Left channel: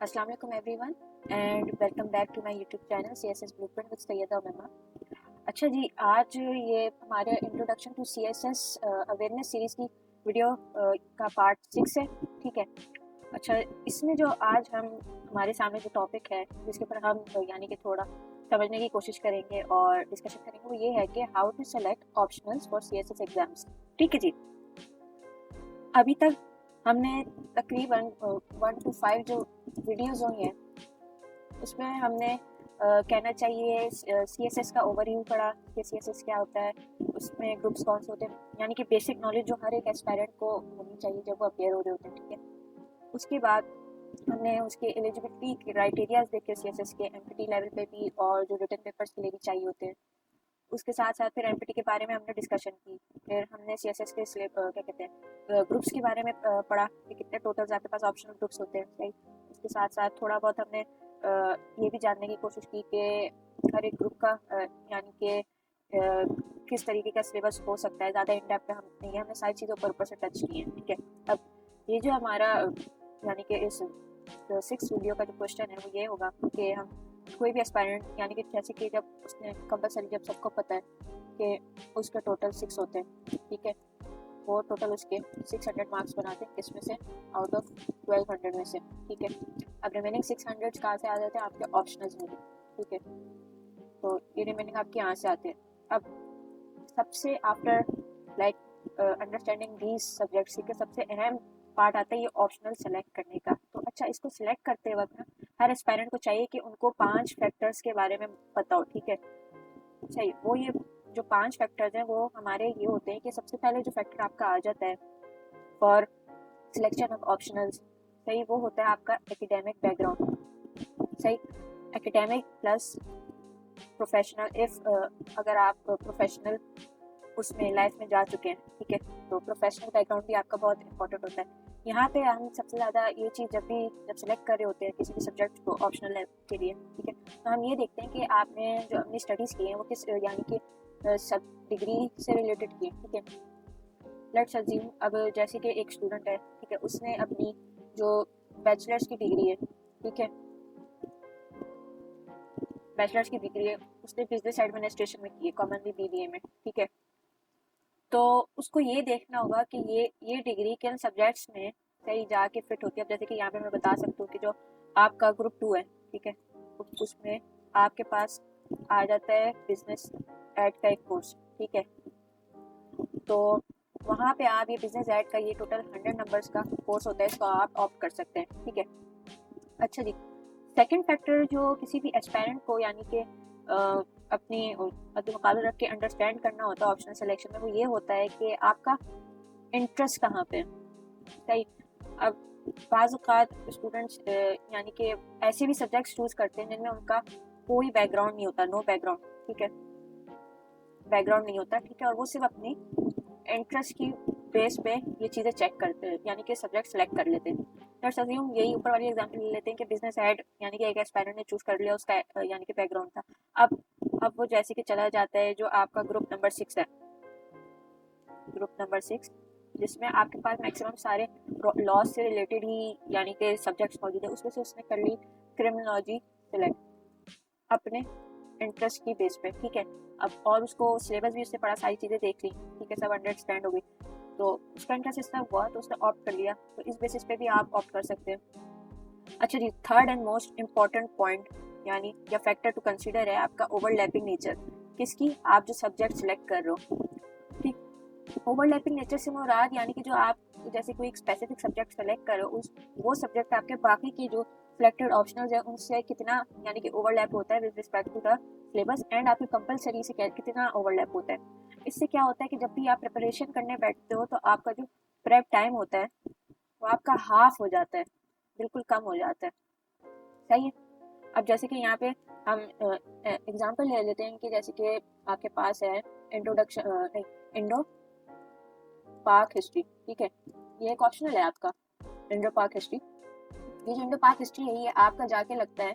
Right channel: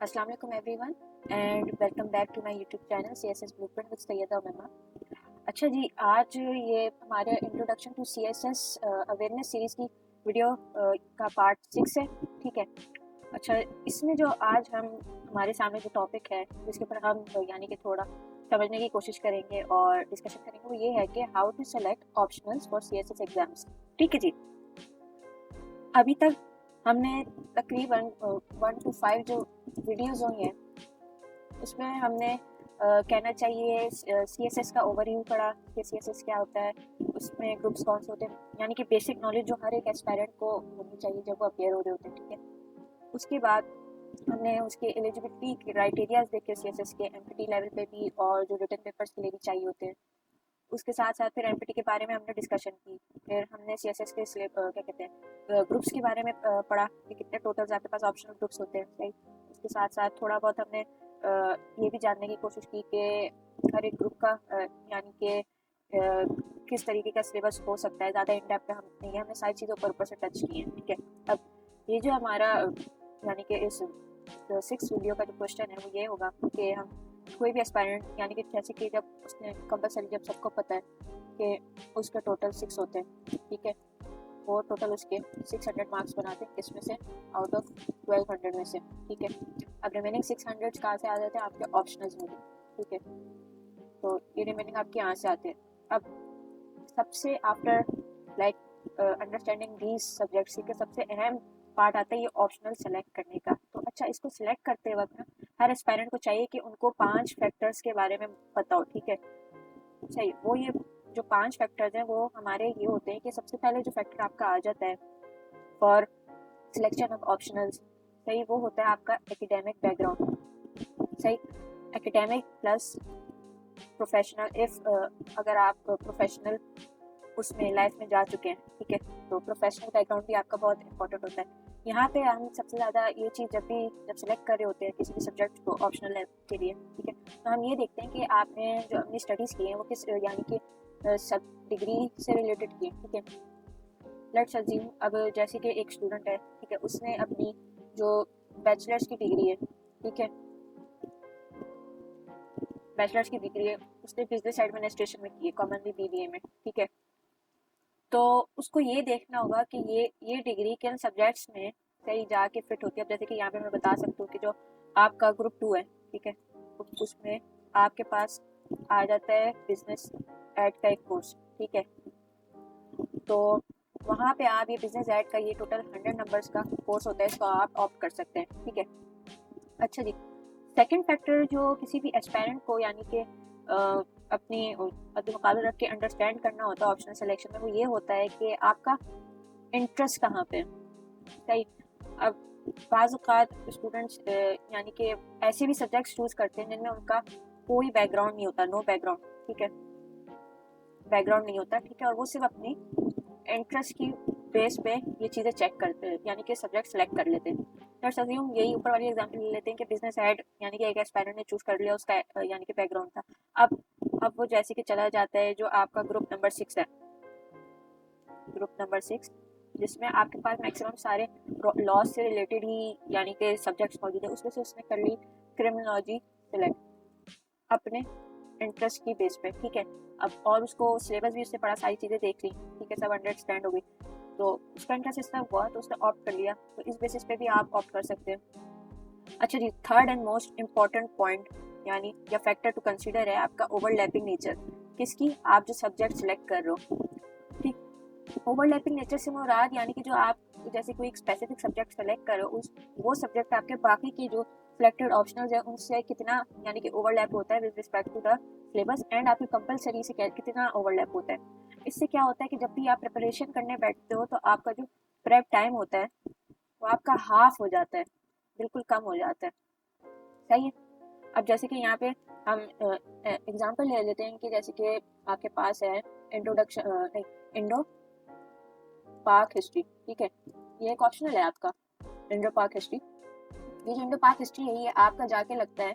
अस्सलाम वालेकुम everyone and welcome back to my YouTube channel CSS blueprint with Syeda Umaima. अच्छा जी, आज ये हमारा introduction to CSS awareness series की वीडियो का पार्ट 6 है। ठीक है। अच्छा, इसमें जो आज हम हमारे सामने जो टॉपिक है इसके ऊपर हम यानी कि थोड़ा समझने की कोशिश करेंगे और डिस्कशन करेंगे, वो ये है कि how to select optionals for CSS exams. ठीक है जी। अभी तक हमने तकरीबन 1 to 5 जो वीडियोज़ हुई हैं उसमें हमने कहना चाहिए सीएसएस का ओवरव्यू पढ़ा कि सीएसएस क्या होता है, उसमें ग्रुप्स कौन से होते हैं, यानी कि बेसिक नॉलेज जो हर एक एस्पायरेंट को होनी चाहिए जब वो अपेयर हो रहे होते हैं। ठीक है। उसके बाद हमने उसके एलिजिबिलिटी क्राइटेरियाज देखे सीएसएस के एमपीटी लेवल पे भी और जो रिटन पेपर्स के लिए भी चाहिए होते हैं। उसके साथ साथ फिर एमपीटी के बारे में हमने डिस्कशन की। फिर हमने सीएसएस के क्या कहते हैं ग्रुप्स के बारे में पढ़ा कि कितने टोटल्स आपके पास ऑप्शनल ग्रुप्स होते हैं। राइट। उसके साथ साथ थोड़ा बहुत हमने ये भी जानने की कोशिश की कि हर एक ग्रुप का यानी कि किस तरीके का सिलेबस हो सकता है। ज़्यादा इन डेप्थ हम ये हमने सारी चीज़ों पर ऊपर से टच की है। ठीक है। अब ये जो हमारा यानी कि इस 6 वीडियो का जो क्वेश्चन है वो ये होगा कि हम कोई भी एस्पायरेंट यानी कि जैसे कि जब उसने कंपलसरी, जब सबको पता है कि उसके टोटल 6 होते हैं। ठीक है। वो टोटल उसके 600 मार्क्स बनाते हैं, इसमें से आउट ऑफ 1200 में से। ठीक है। अब रिमेनिंग 600 कहाँ से आ जाते हैं? आपके ऑप्शनल्स में। ठीक है। तो ये रिमेनिंग आपके यहाँ से आते हैं। अब सबसे after like understanding these subjects का सबसे अहम पार्ट आता है ये ऑप्शनल सेलेक्ट करने का। अच्छा, इसको सिलेक्ट करते वक्त ना हर एस्पायरेंट को चाहिए कि उनको 5 फैक्टर्स के बारे में बताओ। ठीक है। सही। वो ये जो 5 फैक्टर्स हैं वो हमारे ये होते हैं कि सबसे पहले जो फैक्टर आपका आ जाता है फॉर सिलेक्शन ऑफ ऑप्शनल्स, सही, वो होता है आपका एकेडमिक बैकग्राउंड। सही। एकेडमिक प्लस प्रोफेशनल, इफ अगर आप प्रोफेशनल उसमें लाइफ में जा चुके हैं। ठीक है। प्रोफेशनल बैकग्राउंड भी आपका बहुत इंपॉर्टेंट होता है। यहाँ पे हम सबसे ज़्यादा ये चीज़ जब भी सेलेक्ट कर रहे होते हैं किसी भी सब्जेक्ट को ऑप्शनल लेवल के लिए। ठीक है। तो हम ये देखते हैं कि आपने जो अपनी स्टडीज़ की है वो किस यानी कि सब डिग्री से रिलेटेड की है। ठीक है। लेट्स अज्यूम अब जैसे कि एक स्टूडेंट है। ठीक है। उसने अपनी जो बैचलर्स की डिग्री है। ठीक है। बैचलर्स की डिग्री है उसने बिजनेस एडमिनिस्ट्रेशन में की है, कॉमनली बीबीए में। ठीक है। तो उसको ये देखना होगा कि ये डिग्री किन सब्जेक्ट्स में सही जाके फिट होती है। जैसे कि यहाँ पे मैं बता सकती हूँ कि जो आपका ग्रुप 2 है। ठीक है। उसमें आपके पास आ जाता है बिजनेस एड का एक कोर्स। ठीक है। तो वहाँ पे आप ये बिजनेस एड का ये टोटल 100 नंबर्स का कोर्स होता है, इसको आप ऑप्ट कर सकते हैं। ठीक है। अच्छा जी, सेकंड फैक्टर जो किसी भी एस्पायरेंट को यानी कि अपने अपने मुकाबले रख के अंडरस्टैंड करना होता है ऑप्शनल सिलेक्शन में, वो ये होता है कि आपका इंटरेस्ट कहाँ पे है। सही। अब बाज़ औक़ात स्टूडेंट्स यानी कि ऐसे भी सब्जेक्ट्स चूज़ करते हैं जिनमें उनका कोई बैकग्राउंड नहीं होता, नो बैकग्राउंड। ठीक है। बैकग्राउंड नहीं होता। ठीक है। और वो सिर्फ अपने इंटरेस्ट की बेस पे ये चीज़ें चेक करते हैं यानी कि सब्जेक्ट सेलेक्ट कर लेते हैं। तो सभी हम यही ऊपर वाली एग्जाम्पल ले लेते हैं कि बिजनेस एड यानी कि एक एस्पायरेंट ने चूज कर लिया, उसका यानी कि बैकग्राउंड था। अब वो जैसे कि चला जाता है जो आपका ग्रुप नंबर 6 है, ग्रुप नंबर 6 जिसमें आपके पास मैक्सिमम सारे लॉ से रिलेटेड ही यानी कि सब्जेक्ट्स मौजूद है। उसमें से उसने कर ली क्रिमिनोलॉजी सेलेक्ट अपने इंटरेस्ट की बेस पे। ठीक है। अब और उसको सिलेबस भी उससे पढ़ा, सारी चीज़ें देख ली। ठीक है। सब अंडरस्टैंड हो गई। तो उसका इंटरेस्ट इसका हुआ तो उसने ऑप्ट कर लिया, तो इस बेसिस पे भी आप ऑप्ट कर सकते हैं। अच्छा जी, third and most important point यानी या फैक्टर टू कंसीडर है आपका ओवरलैपिंग नेचर। किसकी? आप जो सब्जेक्ट सेलेक्ट कर रहे हो। ठीक। ओवरलैपिंग नेचर से मुराद यानी कि जो आप जैसे कोई एक स्पेसिफिक सब्जेक्ट सेलेक्ट कर रहे हो वो सब्जेक्ट आपके बाकी के जो सिलेक्टेड ऑप्शनल्स है उनसे कितना यानी कि ओवरलैप होता है with respect to the syllabus and आपकी कंपलसरी से कितना ओवरलैप होता है। इससे क्या होता है कि जब भी आप प्रिपरेशन करने बैठते हो तो आपका जो प्रेप टाइम होता है वो आपका हाफ हो जाता है, बिल्कुल कम हो जाता है। सही है। अब जैसे कि यहाँ पे हम एग्जांपल ले लेते हैं कि जैसे कि आपके पास है इंट्रोडक्शन इंडो पाक हिस्ट्री। ठीक है। ये एक ऑप्शनल है आपका इंडो पाक हिस्ट्री। ये जो इंडो पाक हिस्ट्री है ये आपका जाके लगता है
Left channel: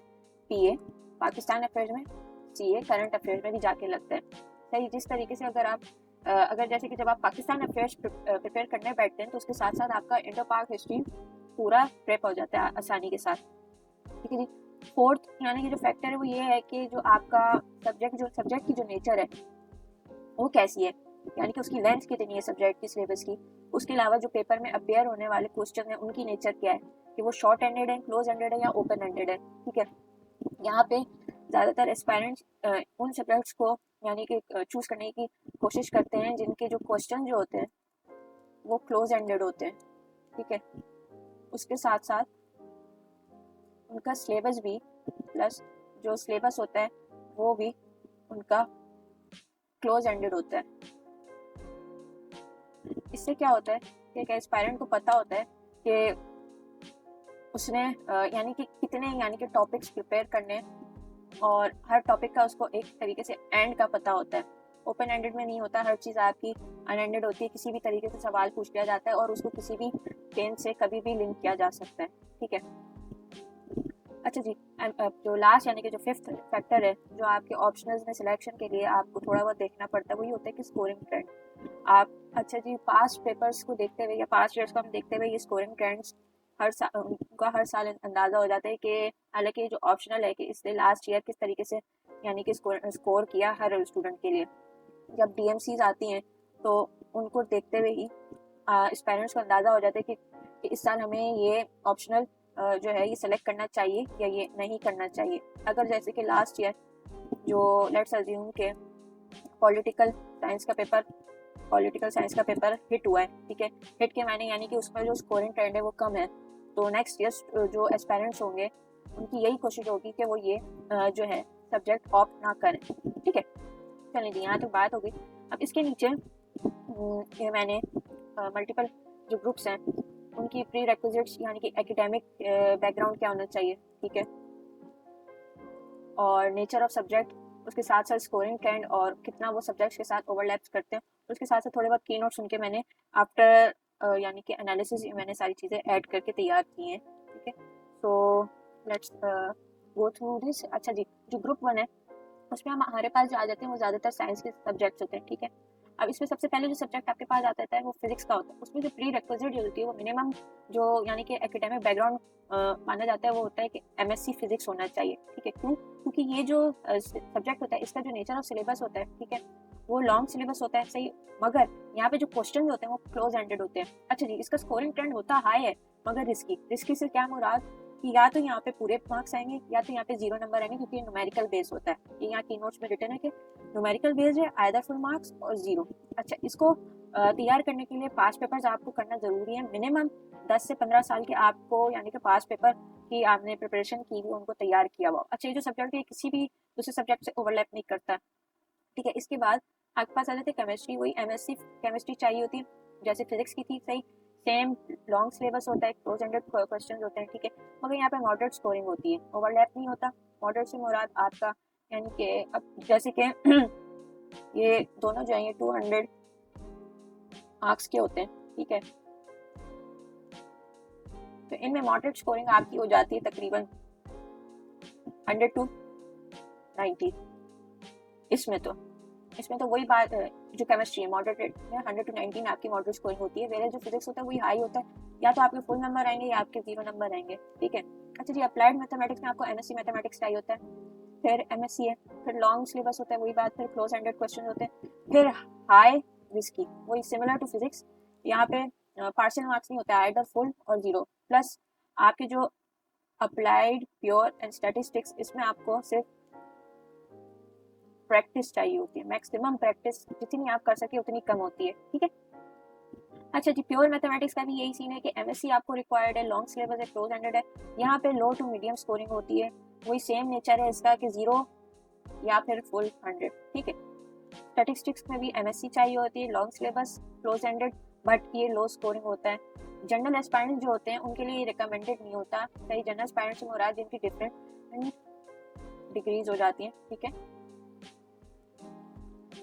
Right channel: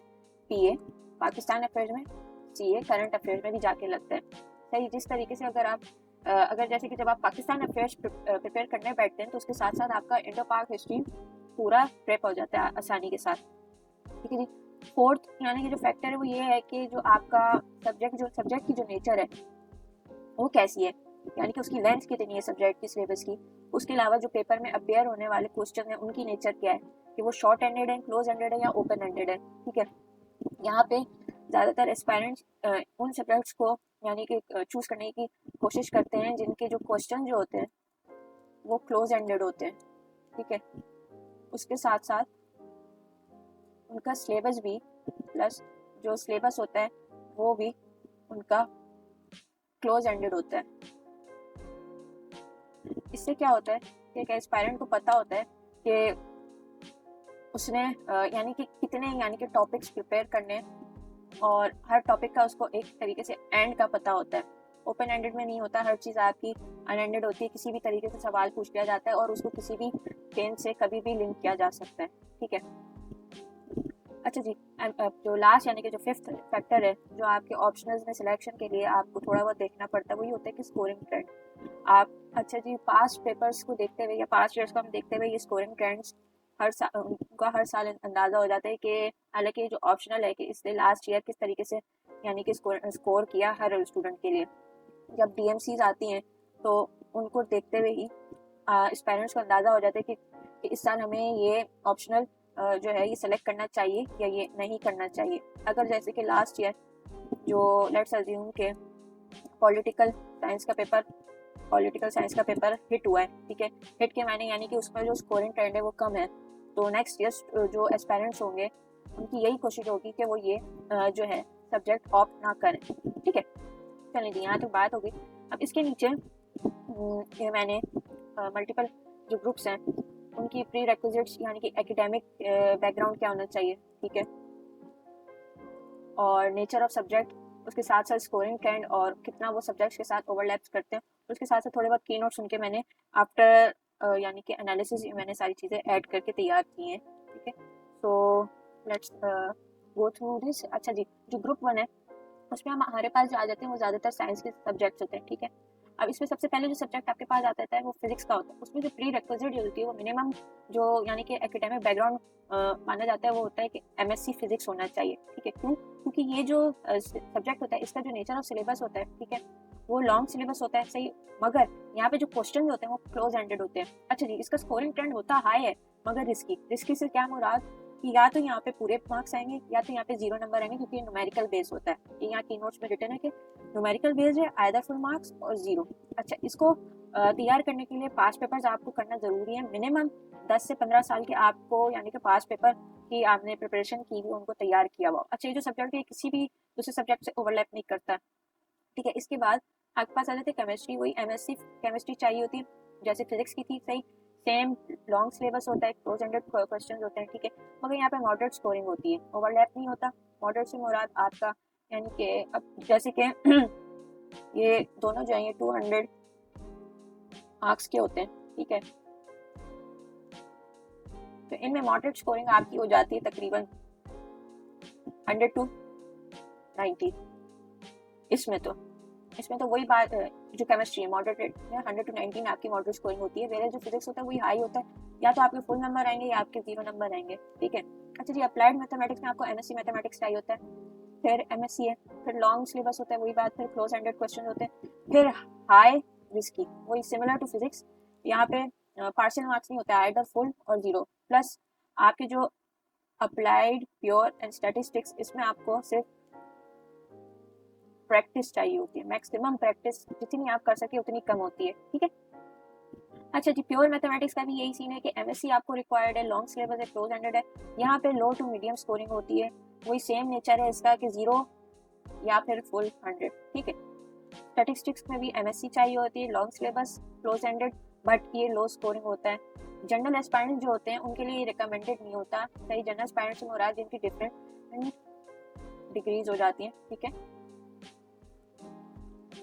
पीए पाकिस्तान अफेयर्स में, सीए करंट अफेयर्स में भी जाके लगता है। सही। जिस तरीके से अगर आप अगर जैसे कि जब आप पाकिस्तान अफेयर्स प्रिपेयर करने बैठते हैं तो उसके साथ साथ आपका इंडो पाक हिस्ट्री पूरा प्रेप हो जाता है आसानी के साथ। ठीक है जी। फोर्थ यानी कि जो फैक्टर है वो ये है कि जो आपका सब्जेक्ट की जो नेचर है वो कैसी है, यानी कि उसकी लेंथ कितनी है सब्जेक्ट की सिलेबस की। उसके अलावा जो पेपर में अपेयर होने वाले क्वेश्चन है उनकी नेचर क्या है, कि वो शॉर्ट एंडेड है, क्लोज एंडेड है या ओपन एंडेड है। ठीक है, यहाँ पे ज़्यादातर एस्पायरेंट्स उन सब्जेक्ट्स को यानी कि चूज करने की कोशिश करते हैं जिनके जो क्वेश्चन जो होते हैं वो क्लोज एंडेड होते हैं। ठीक है, उसके साथ साथ उनका सिलेबस भी प्लस जो सिलेबस होता है वो भी उनका क्लोज एंडेड होता है। इससे क्या होता है कि एक एस्पायरेंट को पता होता है कि उसने यानी कि कितने यानी कि टॉपिक्स प्रिपेयर करने हैं और हर टॉपिक का उसको एक तरीके से एंड का पता होता है। ओपन एंडेड में नहीं होता, हर चीज़ आपकी अनएंडेड होती है, किसी भी तरीके से सवाल पूछ लिया जाता है और उसको किसी भी गेम से कभी भी लिंक किया जा सकता है। ठीक है, अच्छा जी। एंड जो लास्ट यानी कि जो फिफ्थ फैक्टर है जो आपके ऑप्शनल्स में सिलेक्शन के लिए आपको थोड़ा बहुत देखना पड़ता है, वही होता है कि स्कोरिंग ट्रेंड। आप अच्छा जी पास्ट पेपर्स को देखते हुए या पास्ट ईयर्स को हम देखते हुए ये स्कोरिंग ट्रेंड्स उनका हर साल अंदाजा हो जाता है कि हालांकि जो ऑप्शनल है कि इसने लास्ट ईयर किस तरीके से यानी कि स्कोर किया हर स्टूडेंट के लिए। जब डीएमसीज आती हैं तो उनको देखते हुए ही पेरेंट्स को अंदाजा हो जाता है कि इस साल हमें ये ऑप्शनल जो है ये सिलेक्ट करना चाहिए या ये नहीं करना चाहिए। अगर जैसे कि लास्ट ईयर जो लेट्स अज्यूम के पॉलिटिकल साइंस का पेपर हिट हुआ है। ठीक है, हिट के मायने यानी कि उसमें जो स्कोरिंग ट्रेंड है वो कम है, तो नेक्स्ट ईयर जो एस्पायरेंट्स होंगे उनकी यही कोशिश होगी कि वो ये जो है सब्जेक्ट ऑप्ट ना करें। ठीक है, चलिए यहाँ तो बात हो गई। अब इसके नीचे ये मैंने मल्टीपल जो ग्रुप्स हैं उनकी प्री रिक्विजिट्स यानी कि एकेडमिक बैकग्राउंड क्या होना चाहिए। ठीक है, और नेचर ऑफ सब्जेक्ट, उसके साथ साथ स्कोरिंग ट्रेंड और कितना वो सब्जेक्ट्स के साथ ओवरलैप्स करते हैं, उसके साथ साथ थोड़े बहुत की नोट्स उनके मैंने आफ्टर यानी कि एनालिसिस मैंने सारी चीज़ें ऐड करके तैयार की हैं। ठीक है, so let's go through this. अच्छा जी, जो ग्रुप 1 है उसमें हमारे पास जो आ जाते हैं वो ज़्यादातर साइंस के सब्जेक्ट्स होते हैं। ठीक है, अब इसमें सबसे पहले जो सब्जेक्ट आपके पास आता है वो फिजिक्स का होता है। उसमें जो प्री रिक्विजिट होती है वो मिनिमम जो यानी कि एकेडमिक बैकग्राउंड माना जाता है वो होता है कि एमएससी फिजिक्स होना चाहिए। ठीक है, क्यों? क्योंकि ये जो सब्जेक्ट होता है इसका जो नेचर ऑफ सिलेबस होता है, ठीक है, वो लॉन्ग सिलेबस होता है, सही, मगर यहाँ पे जो क्वेश्चन होते हैं वो क्लोज एंडेड होते हैं। अच्छा जी, इसका स्कोरिंग ट्रेंड होता हाई है मगर रिस्की से क्या मुराद कि या तो यहाँ पे पूरे मार्क्स आएंगे या तो यहाँ पे 0 नंबर आएंगे, क्योंकि ये न्यूमेरिकल बेस होता है। ये यहाँ की नोट्स पे रिटर्न है कि न्यूमेरिकल बेस्ड है, आइदर फुल मार्क्स और 0। अच्छा, इसको तैयार करने के लिए पास पेपर्स आपको करना जरूरी है। मिनिमम 10 से 15 साल के आपको यानी कि पास पेपर की आपने प्रिपरेशन की हुई उनको तैयार किया हुआ। अच्छा, ये जो सब्जेक्ट है किसी भी दूसरे सब्जेक्ट से ओवरलैप नहीं करता। ठीक है, इसके बाद आपके पास आ जाते हैं केमिस्ट्री। वही एमएससी केमिस्ट्री चाहिए होती है जैसे फिजिक्स की थी, सही सेम लॉन्ग सिलेबस होता है, क्लोज एंडेड क्वेश्चन होते हैं। ठीक है, मगर यहाँ पे मॉडरेट स्कोरिंग होती है, ओवरलैप नहीं होता। मॉडरेट से मुराद आपका यानी कि अब जैसे कि ये दोनों जो है ये 200 मार्क्स के होते हैं। ठीक है, तो इनमें मॉडरेट स्कोरिंग आपकी हो जाती है तकरीबन 100 to 90। इसमें तो वही बात है, जो केमिस्ट्री है मॉडरेट 100 to 90 आपकी मॉडरेट स्कोरिंग होती है। मेरा जो फिजिक्स होता है वही हाई होता है, या तो आपके फुल नंबर आएंगे या आपके 0 नंबर आएंगे। ठीक है, अच्छा जी, अप्लाइड मैथमेटिक्स में आपको एमएससी मैथमेटिक्स चाहिए होता है, फिर एमएससी है, फिर लॉन्ग सिलेबस होता है, वही बात, फिर क्लोज एंडेड क्वेश्चन होते हैं, फिर हाई रिस्की, वही सिमिलर टू फिजिक्स। यहाँ पे पार्शियल मार्क्स नहीं होता है, आइदर फुल और 0, प्लस आपके जो अप्लाइड प्योर एंड स्टैटिस्टिक्स इसमें आपको सिर्फ प्रैक्टिस चाहिए होती है। मैक्सिमम प्रैक्टिस जितनी आप कर सके उतनी कम होती है। ठीक है, अच्छा जी, प्योर मैथमेटिक्स का भी यही सीन है कि एमएससी आपको रिक्वायर्ड है, लॉन्ग सिलेबस है, क्लोज एंडेड है। यहाँ पे लो टू मीडियम स्कोरिंग होती है, वही सेम नेचर है इसका कि 0 या फिर फुल 100। ठीक है, स्टैटिस्टिक्स में भी एमएससी चाहिए होती है, long syllabus, close ended, but ये लो स्कोरिंग होता है। जनरल एस्पायरेंट जो होते हैं उनके लिए रिकमेंडेड नहीं होता। कई जनरल एस्पायरेंट से मुराद जिनकी डिफरेंट डिग्रीज हो जाती हैं। ठीक है,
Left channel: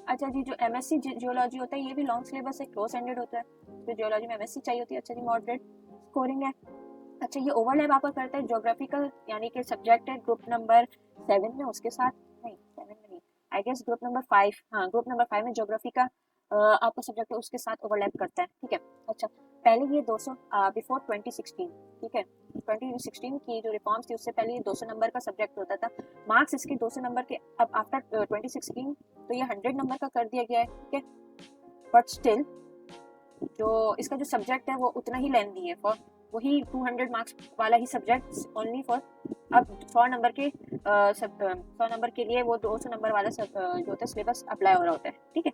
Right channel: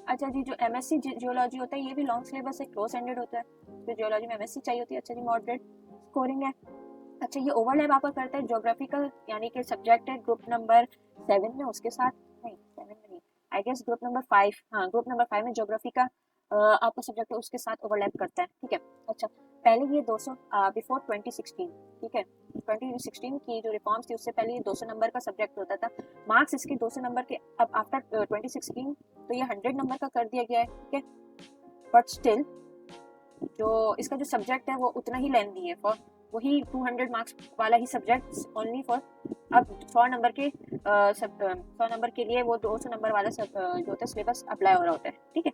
अच्छा जी, जो एमएससी जियोलॉजी होता है ये भी लॉन्ग सिलेबस है, क्लोज एंडेड होता है, तो जियोलॉजी में एमएससी चाहिए होती है। अच्छा जी, मॉडरेट स्कोरिंग है। अच्छा, ये ओवरलैप आपका करता है ज्योग्राफी का, यानी कि सब्जेक्ट है ग्रुप नंबर 7 में, उसके साथ नहीं 7 में नहीं, आई गेस ग्रुप नंबर 5, हाँ ग्रुप नंबर 5 में ज्योग्राफी का आपका सब्जेक्ट है उसके साथ ओवरलैप करता है। ठीक है, अच्छा पहले ये 200 बिफोर 2016, ठीक है, 2016 की जो रिफॉर्म्स थी उससे पहले ये 200 नंबर का सब्जेक्ट होता था। मार्क्स इसके 200 नंबर के अब आफ्टर 2016 तो ये 100 नंबर का कर दिया गया है, ठीक है, बट स्टिल जो इसका जो सब्जेक्ट है वो उतना ही लेंथी है, फॉर वही 200 मार्क्स वाला ही सब्जेक्ट ओनली फॉर अब 100 नंबर के 100 नंबर के लिए वो 200 नंबर वाला जो होता है सिलेबस अप्लाई हो रहा होता है, ठीक है।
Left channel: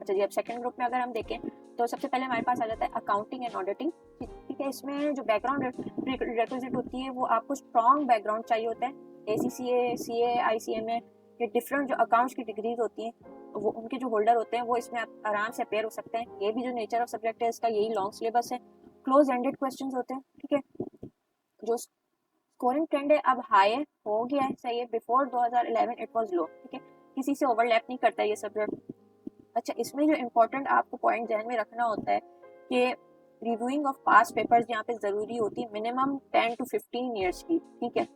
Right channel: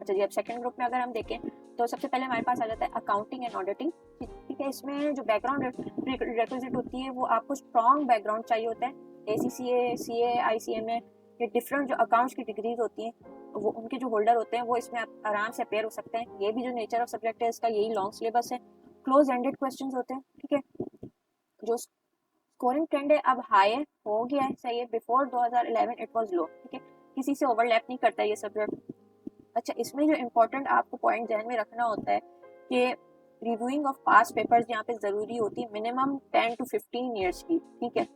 अच्छा जी, अब सेकंड ग्रुप में अगर हम देखें तो सबसे पहले हमारे पास आ जाता है अकाउंटिंग एंड ऑडिटिंग, ठीक है। इसमें जो बैकग्राउंड रिक्विजिट होती है वो आपको स्ट्रॉन्ग बैकग्राउंड चाहिए होता है। ACCA, CA, ICMA या डिफरेंट जो अकाउंट्स की डिग्रीज होती हैं वो उनके जो होल्डर होते हैं वो इसमें आराम से अपेयर हो सकते हैं। ये भी जो नेचर ऑफ सब्जेक्ट है इसका यही लॉन्ग सिलेबस है, क्लोज एंडेड क्वेश्चंस होते हैं, ठीक है। जो स्कोरिंग ट्रेंड है अब हाई हो गया है, सही है, बिफोर 2011 इट वाज लो, ठीक है, किसी से ओवरलैप नहीं करता है ये सब्जेक्ट। अच्छा, इसमें जो इम्पोर्टेंट आपको पॉइंट ध्यान में रखना होता है कि रिव्यूइंग ऑफ पास्ट पेपर्स यहाँ पे ज़रूरी होती है, मिनिमम 10 to 15 ईयर्स की, ठीक है।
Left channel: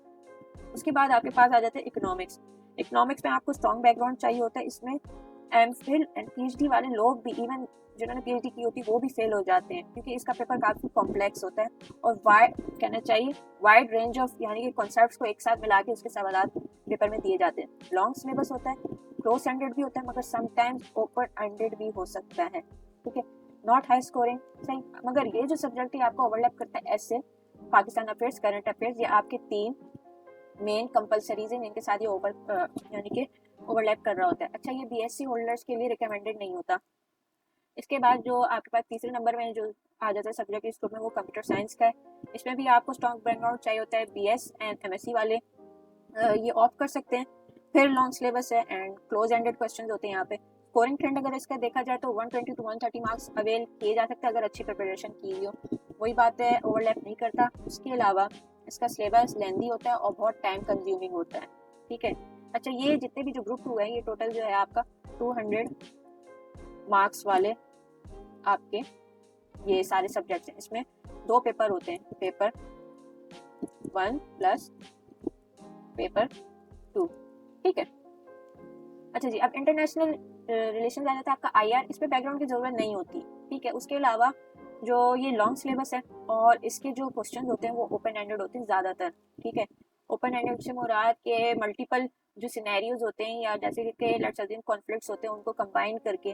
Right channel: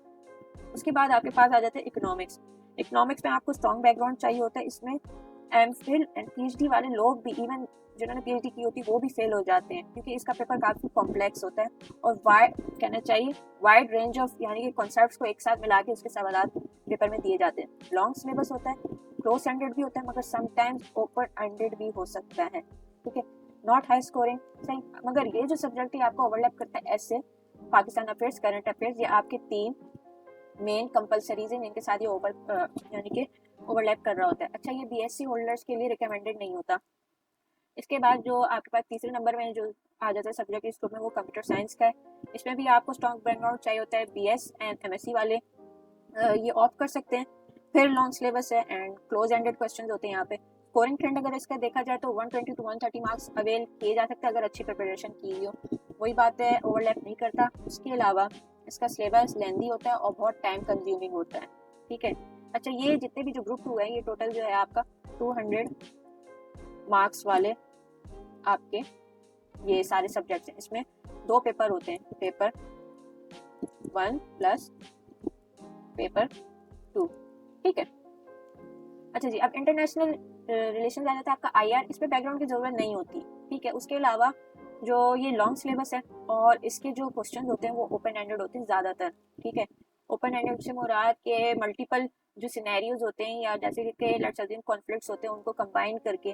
उसके बाद आपके पास आ जाते हैं इकोनॉमिक्स। इकोनॉमिक्स में आपको स्ट्रॉन्ग बैकग्राउंड चाहिए होता है। इसमें एमफिल एंड PhD वाले लोग भी, इवन जिन्होंने PhD की होती है वो भी फेल हो जाते हैं क्योंकि इसका पेपर काफ़ी कॉम्प्लेक्स होता है और कहना चाहिए वाइड रेंज ऑफ यानी कि कॉन्सेप्ट्स को एक साथ मिला के उसके सवाल पेपर में दिए जाते हैं। लॉन्ग सिलेबस होता है, क्लोज एंडेड भी होता है मगर समटाइम्स ओपन एंडेड भी हो सकता है, ठीक है, नॉट हाई स्कोरिंग, सही। मगर ये जो सब्जेक्ट है आपको ओवरलैप करता है ऐसे पाकिस्तान अफेयर्स, करंट अफेयर्स, ये आपके 3 मेन कंपलसरीज हैं जिनके साथ ये यानी कि ओवरलैप कर रहा होता है। अच्छा, ये BSc होल्डर्स के लिए रिकमेंडेड नहीं होता। इसके बाद जो आपके पास तीसरे नंबर में जो आ जाता है सब्जेक्ट इस ग्रुप में वो कंप्यूटर साइंस का है। इसमें भी आपको स्ट्रॉन्ग बैकग्राउंड चाहिए होता है। BS एंड MSc वाले ये ऑप्ट कर सकते हैं। फिर लॉन्ग सिलेबस है एंड क्लोज एंडेड क्वेश्चन होते हैं यहाँ पे। स्कोरिंग ट्रेंड अगर इसका देखा जाए तो 120 to 130 मार्क्स अवेल किए जा सकते हैं अगर अच्छी प्रिपरेशन की हुई हो। वही बात है, ओवरलैप नहीं करता। उसके अलावा इसका सिलेबस लेंथी होता है और बहुत टाइम कंज्यूमिंग होता है, ठीक है। अच्छा, ये जितने भी जो ग्रुप 2 है ये टोटल जो है आपका 200 मार्क्स वाले आपके ये सारे सब्जेक्ट्स हैं। इसमें 2 पेपर होते हैं, पेपर 1 प्लस पेपर 2, ठीक है। अच्छा जी, अब इंटरनेशनल रिलेशन आ जाता है आपका IR। इसमें बैकग्राउंड की जरूरत नहीं होती, ठीक है। उसके अलावा जो ये लॉन्ग सिलेबस है और इसके जो क्वेश्चन होते हैं वो ओपन एंडेड होते हैं ज़्यादातर, ठीक है। ओपन एंडेड से मुराद के मल्टीपल जो सिनेरियोज होते हैं या जैसे कि लेट्स सपोज कॉन्फ्लिक्ट्स होते हैं उनको कंबाइन करके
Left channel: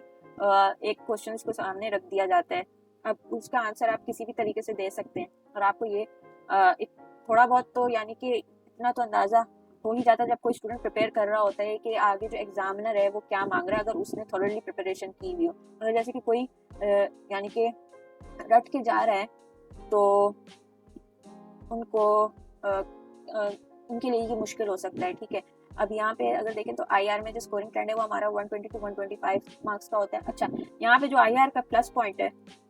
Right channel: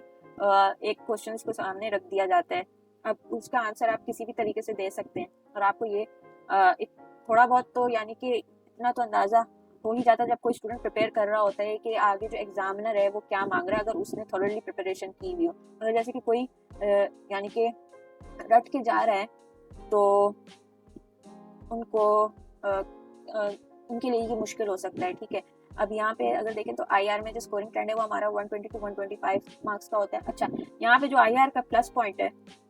एक क्वेश्चन को सामने रख दिया जाता है। अब उसका आंसर आप किसी भी तरीके से दे सकते हैं और आपको ये एक थोड़ा बहुत तो यानी कि इतना तो अंदाज़ा हो ही जाता है जब कोई स्टूडेंट प्रिपेयर कर रहा होता है कि आगे जो एग्जामिनर है वो क्या मांग रहा है, अगर उसने थोड़ी प्रिपरेशन की हुई हो। अगर जैसे कि कोई यानी कि रट के जा रहा है तो उनको उनके लिए ये मुश्किल हो सकता है, ठीक है। अब यहाँ पे अगर देखें तो IR में जो स्कोरिंग ट्रेंड है वो हमारा 120 to 125 मार्क्स का होता है। अच्छा, यहाँ पे जो IR का प्लस पॉइंट है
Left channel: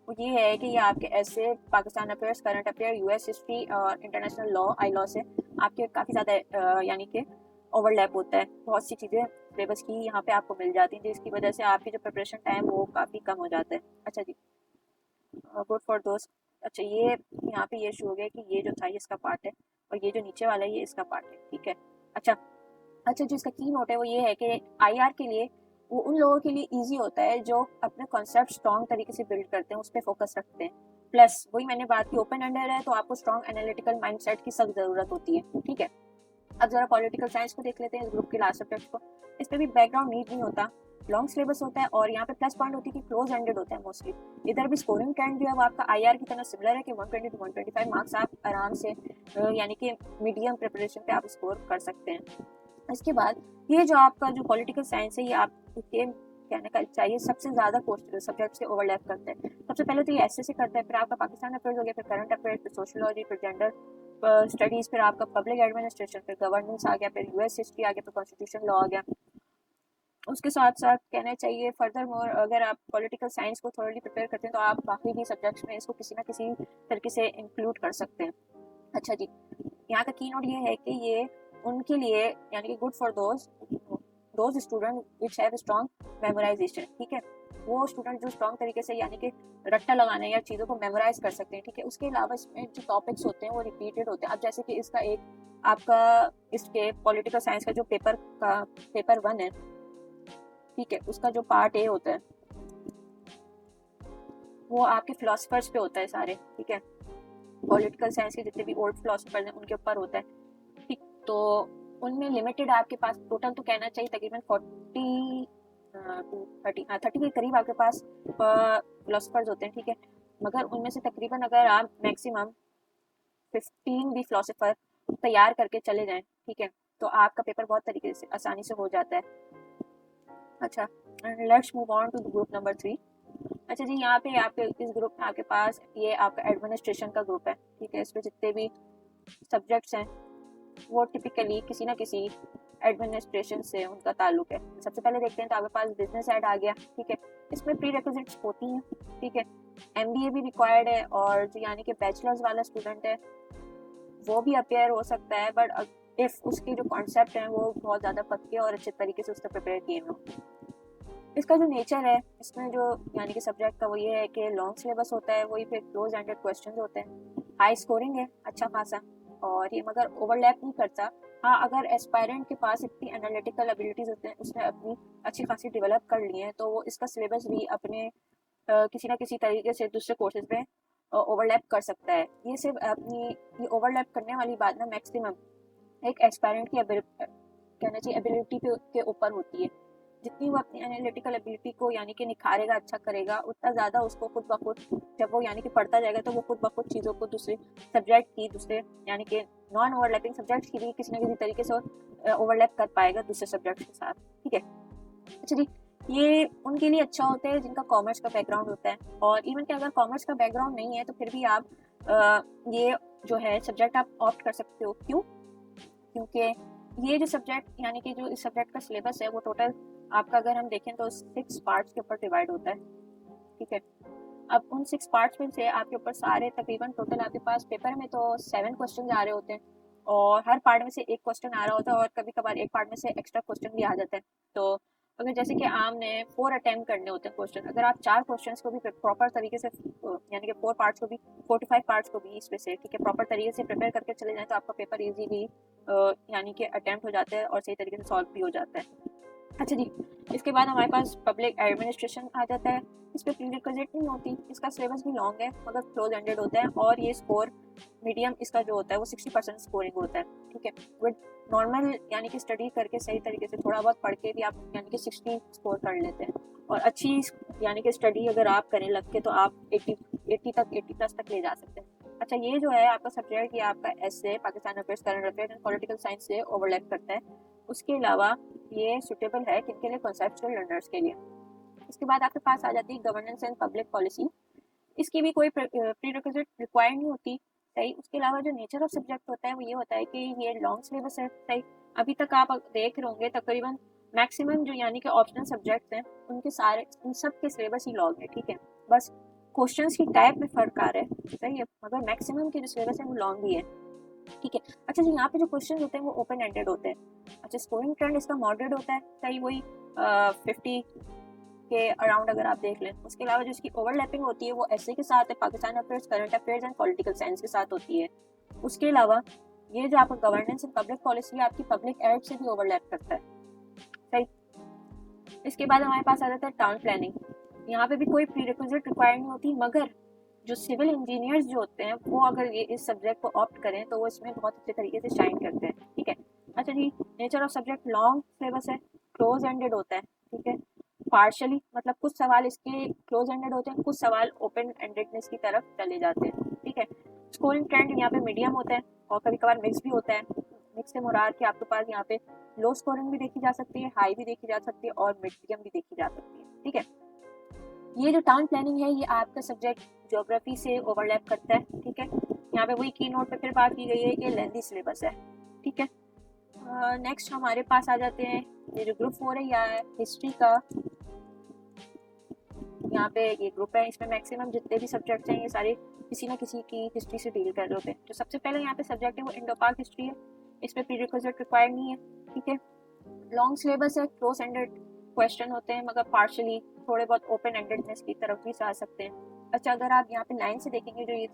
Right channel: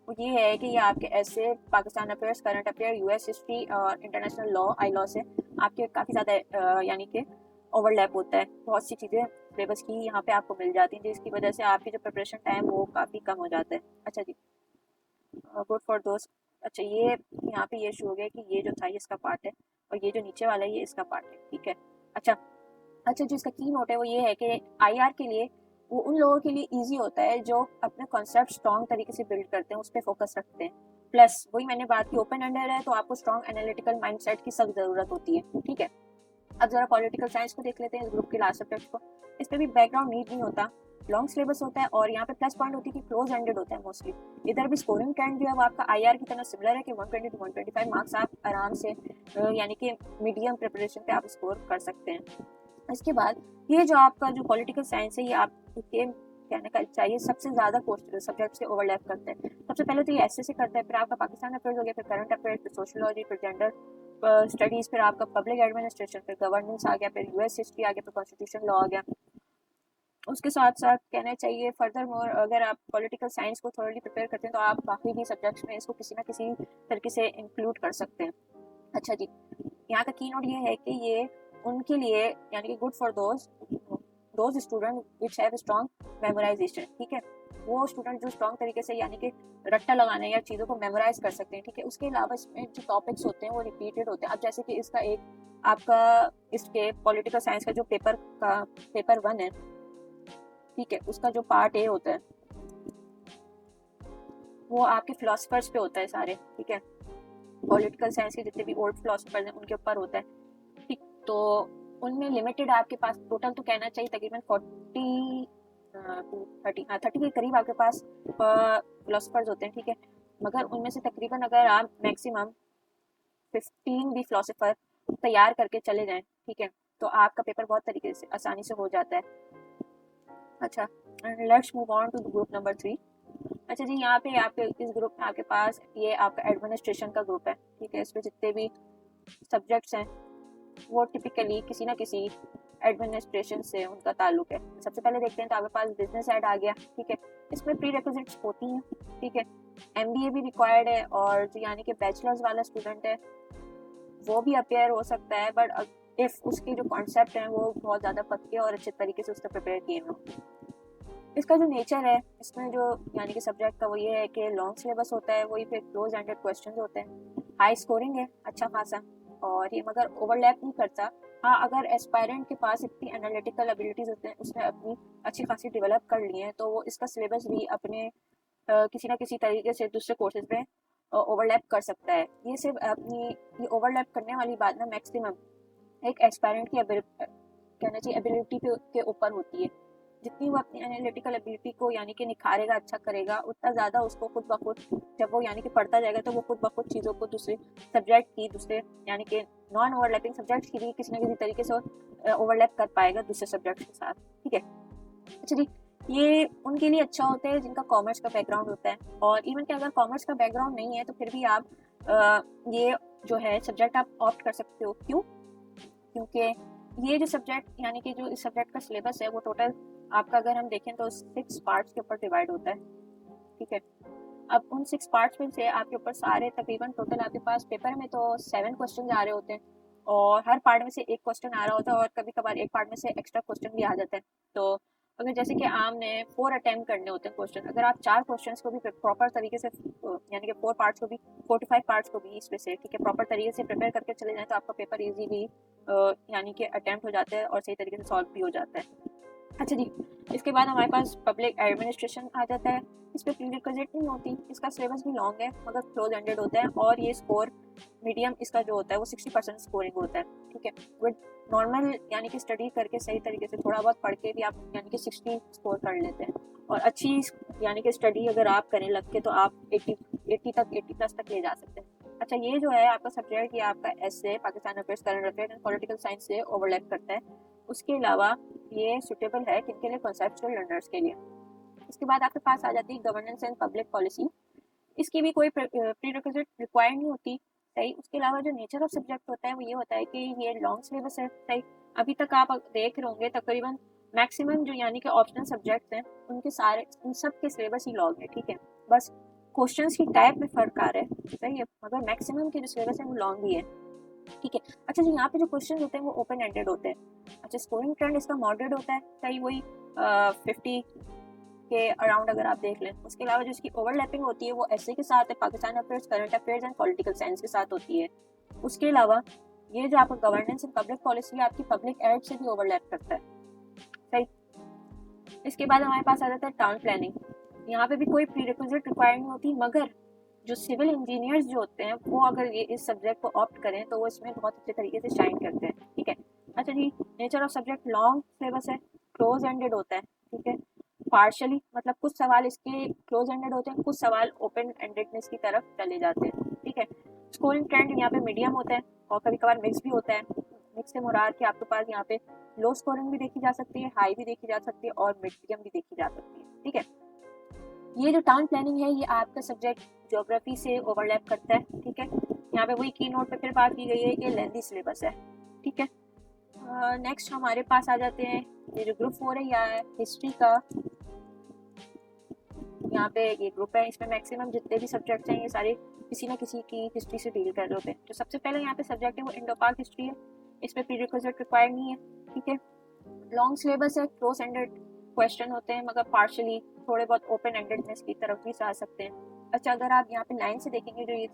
वो ये है कि ये आपके ऐसे Pakistan affairs, current affair, US history और इंटरनेशनल लॉ ILAW से आपके काफ़ी ज़्यादा यानी कि ओवरलैप होता है। बहुत सी चीज़ें सिलेबस की यहाँ पे आपको मिल जाती हैं जिसकी वजह से आपकी जो प्रिपरेशन टाइम वो काफ़ी कम हो जाता है। अच्छा जी, गुड फॉर दोस्त। अच्छा, ये यहाँ पे ये शो हो गया कि ये जो था ये इसका पार्ट है और ये जो नीचे वाला है ये इसका पार्ट है, ठीक है। अच्छा अच्छा, जो इसका की नोट है वो ये है कि IR के लिए वो उन लोगों के लिए इजी होता है जो अपना कॉन्सेप्ट स्ट्रॉन्ग तरीके से बिल्ड करते हैं, उस पर फोकस रखते हैं। प्लस वही मैंने बात की, ओपन एंडेड है तो आपको स्ट्रॉन्ग एनालिटिकल माइंडसेट की सख्त जरूरत होती है, ठीक है। अब जरा पॉलिटिकल साइंस को देख लेते हैं, इस ग्रुप के लास्ट सब्जेक्ट को। इस पर भी बैकग्राउंड नीड नहीं होता, लॉन्ग सिलेबस होता है और यहाँ पे प्लस पॉइंट होती है कि क्लोज एंडेड होता है मोस्टली। इधर भी स्कोरिंग ट्रेंड जो है वो आपका IR की तरह सिमिलर है कि 120 to 125 मार्क्स आप आराम से यानी कि मीडियम प्रिपरेशन पे आप स्कोर कर सकते हैं। इसके बाद ये जो आपका जो पॉलिटिकल साइंस है ये आपके कहने का चाहिए सबसे ज़्यादा सब्जेक्ट से ओवरलैप करता है। सबसे पहले तो ये SSC करते हैं, फिर आपका पाकिस्तान अफेयर्स हो गया, फिर करंट अफेयर्स, फिर सोशलॉजी, फिर जेंडर स्टडीज़, फिर आपका पब्लिक एडमिनिस्ट्रेशन, फिर गवर्नेंस आ गया, फिर US हिस्ट्री आ गया, फिर कॉन्स्टिट्यूशन लॉ आ गया। उसके साथ साथ कहना चाहिए फर्दर मोर अगर आप पॉलिटिकल साइंस को थोड़ी प्रिपेयर करते हैं तो आप बाकी भी सब्जेक्ट्स में इसको किसी ना किसी तरीके से इंक्लूड कर सकते हैं। अच्छा जी, यहाँ का की नोट ये है कि ये उनके लिए यानी कि good for those student which have strong memorisation, ठीक है। वो स्टूडेंट जो स्ट्रॉन्ग तरीके से यानी कि रट्टा लगाने या चीज़ों को मेमोराइज कर सकते हैं, ठीक है। उसके अलावा इसमें जो टॉपिक्स होते हैं वो रिपीटेड होते हैं। अब जैसे कि इसका एक आपका इसके पॉलिटिकल साइंस का जो पेपर 1 है, ठीक है, उसका जो पार्ट ए होता है वो आपके फिलोसफर्स पे होता है सारे, ठीक है। पॉलिटिकल साइंस के जितने भी ओल्ड फिलोसफर्स हैं उनके ऊपर होता है, ठीक। तो उनमें लिमिटेड आपके पास टोटल तो कहना चाहिए तकरीबन 30 के करीब आपके पास फिलोसफर्स होते हैं, ठीक है। मगर उनमें से तकरीबन अगर आप मैक्सिमम 15 भी फिलोसफर तैयार करके चले जाएं, ठीक है, तो आपका पेपर बहुत तरीके से आसानी से हो जाता है। अच्छा, let's move on to group number 3। अच्छा जी, यहाँ पे आपके इस ग्रुप में आपके पास ये आपका एडमिनिस्ट्रेशन का ग्रुप है, ठीक है। इसमें जितने भी सब्जेक्ट्स हैं वो टिपिकली किसी ना किसी एडमिनिस्ट्रेशन से उनका ताल्लुक है। सबसे पहले देखते हैं तो आपके पास बिजनेस एड आ गया, ठीक है। इसमें प्री रिक्विजिट्स होती हैं, ठीक है। एमबीए भी रिक्वायर्ड है, और जो यानी कि बैचलर्स वाला स्टूडेंट है वो भी अपेयर हो सकता है, बट इफ उसकी जो कॉन्सेप्ट है वो बहुत ज़्यादा पक्के और अच्छे तरीके से उसने प्रिपेयर किए हो। इसका जो नेचर है, इसमें जो यानी कि सब्जेक्ट का वो ये है कि लॉन्ग सिलेबस होता है, वही पे क्लोज एंडेड क्वेश्चन होते हैं, हाई स्कोरिंग है अच्छा खासा, और ये मगर ओवरलैप नहीं करता। हाँ, अगर एस्पायरेंट के पास इतनी एनालिटिकल एबिलिटीज होते हैं, उसने अपनी अच्छी खासी डेवलप कर ली है, तो वो इसका सिलेबस भी अपने किसी ना किसी तरीके से दूसरे कोर्सेज में ओवरलैप कर सकता है। ये सिर्फ अपनी ये ओवरलैप करने वाली बात ना मैक्सिमम एक एस्पायरेंट की कहना चाहिए एबिलिटी के ऊपर होती है। जितनी वो अपनी एनालिटिकल एबिलिटी को यानी कि निखारेगा, अच्छा करेगा, उतना ज़्यादा उसको खुद ब खुद जब वो यानी कि पढ़ता जाएगा तो वो खुद ब खुद चीज़ों को दूसरे सब्जेक्ट की, दूसरे यानी कि नॉन ओवरलैपिंग सब्जेक्ट की भी किसी न किसी तरीके से ओवरलैप कर पाएगा दूसरे सब्जेक्ट के साथ, ठीक है। अच्छा जी, ये उनके लिए अच्छा होता है जिनका कॉमर्स का बैकग्राउंड होता है, और इवन कि अगर कॉमर्स का बैकग्राउंड नहीं है तो फिर भी आप ये जो है सब्जेक्ट आप ऑप्ट कर सकते हो। क्यों? क्योंकि ये जो सब्जेक्ट यानी कि जो इस सब्जेक्ट का सिलेबस है वो टोटल आपका अगर हम देखें तो 6 पार्ट्स के ऊपर डिवाइड होता है, ठीक है। अब उन 6 पार्ट्स में से आपके ऊपर सारे तकरीबन टोटल आपके पास पेपर में तो 7 क्वेश्चन आ रहे होते हैं, और हर पार्ट में से एक क्वेश्चन आ रहा होता है, और कभी कभार एक पार्ट में से एक्स्ट्रा क्वेश्चन भी आ जाता है। तो अगर जैसे कि आपने 4 अटेम्प्ट करने होते हैं क्वेश्चन, अगर आप 4 क्वेश्चंस को भी प्रॉपर तरीके से यानी कि 4 पार्ट्स को भी 4 to 5 पार्ट्स को भी इसमें से, ठीक है, प्रॉपर तरीके से प्रिपेयर करके चले जाए तो आपका पेपर इजीली यानी कि अटेम्प्ट हो जाता है और सही तरीके से सॉल्व भी हो जाता है। अच्छा जी, इसके बाद हमारे पास पब्लिक एडमिनिस्ट्रेशन आ जाता है। इस पर प्री रिक्विजिट नहीं होती, इसका सिलेबस भी लॉन्ग है मगर क्लोज एंडेड होता है, और ये स्कोर मीडियम इसका जो होता है वो 60% स्कोरिंग होता है, ठीक है। बट नॉर्मल यानी कि स्टडी करके सही तरीके से थोड़ा बहुत पढ़ के भी आप यानी कि 60 स्कोर कर लेते हैं, और अच्छी यानी कि स्टडी अगर आप करने लग के तो आप 80 प्लस तक ले जा सकते हैं। अच्छा, ये जो है आपका सब्जेक्ट, ये आपका SA Pakistan affairs current affairs and political science से ओवरलैप करते हैं। उसके अलावा ये सुटेबल है किनके लिए? कॉन्सेप्चुअल लर्नर्स के लिए। इसके बाद आपके पास आ जाती है गवर्नेंस एंड पब्लिक पॉलिसी। इसकी भी कोई प्री रिक्विजिट रिक्वायर्ड नहीं होती, सही। उसके अलावा जो नेचर ऑफ सब्जेक्ट होता है वो ये होता है कि ये लॉन्ग सिलेबस है, सही। अभी तक आप देख रहे होंगे तकरीबन मैक्सिमम जो यानी कि ऑप्शनल सब्जेक्ट हैं उनके सारे उन सब के सिलेबस ही लॉन्ग है, ठीक है। बस क्वेश्चंस की टाइप में फर्क आ रहा है, सही है, मगर मैक्सिमम के जो सिलेबस है वो लॉन्ग ही है, ठीक है। अच्छा जी, यहाँ पे जो क्वेश्चन होते हैं वो ओपन एंडेड होते हैं। अच्छा, स्कोरिंग ट्रेंड इसका मॉडरेट होता है, सही, वही 50 के अराउंड अगर आप देख लें। उसके अलावा जो इसकी ओवरलैपिंग होती है वो ऐसे के साथ है, Pakistan affairs, current affairs and political science के साथ होती है। उसके अलावा ये जो आपका गवर्नेंस एंड पब्लिक पॉलिसी है आपकी पब्लिक एड से भी ओवरलैप करता है। इसके बाद हमारे पास आ जाता है टाउन प्लानिंग। यहाँ पे भी कोई प्री रिक्विजिट रिक्वायर्ड नहीं होती, मगर जो सिविल इंजीनियर्स जो होते हैं वो अगर ये इस सब्जेक्ट को ऑप्ट करें तो वो इसमें बहुत अच्छे तरीके से शाइन करते हैं, ठीक है। अच्छा जी, nature of subject long syllabus है, क्लोज एंडेड होता है, ठीक है। पार्शली मतलब कुछ सवाल इसके क्लोज एंडेड होते हैं, कुछ सवाल ओपन एंडेडनेस की तरफ चले जाते हैं, ठीक है। स्कोरिंग ट्रेंड यहाँ पे मीडियम होता है, और कभी कभार मिक्स भी होता है। मिक्स से मुराद कि आपके पास यहाँ पे लो स्कोरिंग भी देखी जा सकती है, हाई भी देखी जा सकती है, और मीडियम भी देखी जा सकती है, ठीक है। ये जो टाउन प्लानिंग है ये आपका सब्जेक्ट ज्योग्राफी से ओवरलैप करता है, ठीक है। यहाँ पे वही की नोट पे फिर बात की गई है कि लेंथी सिलेबस है, ठीक है। नेक्स्ट हमारे पास आ जाते हैं मेरे ग्रुप 4 है, यहाँ है हिस्ट्री का। यहाँ पे ये ग्रुप है, इसमें मैक्सिमम जितने भी सब्जेक्ट्स हैं ये सारे किसी ना किसी की हिस्ट्री से डील कर रहे होते हैं। तो सबसे पहले यहाँ पे सब्जेक्ट है वो इंडो पाक हिस्ट्री है, इसमें प्रीरिक्विजिट रिक्वायर्ड नहीं है, ठीक है। लॉन्ग सिलेबस है, क्लोज एंडेड क्वेश्चन होते हैं, मगर पार्शली थोड़े बहुत ओपन एंडेडनेस की तरफ भी जा सकते हैं। अच्छा, अगर आप यहाँ पे लाइन से देखेंगे जो ये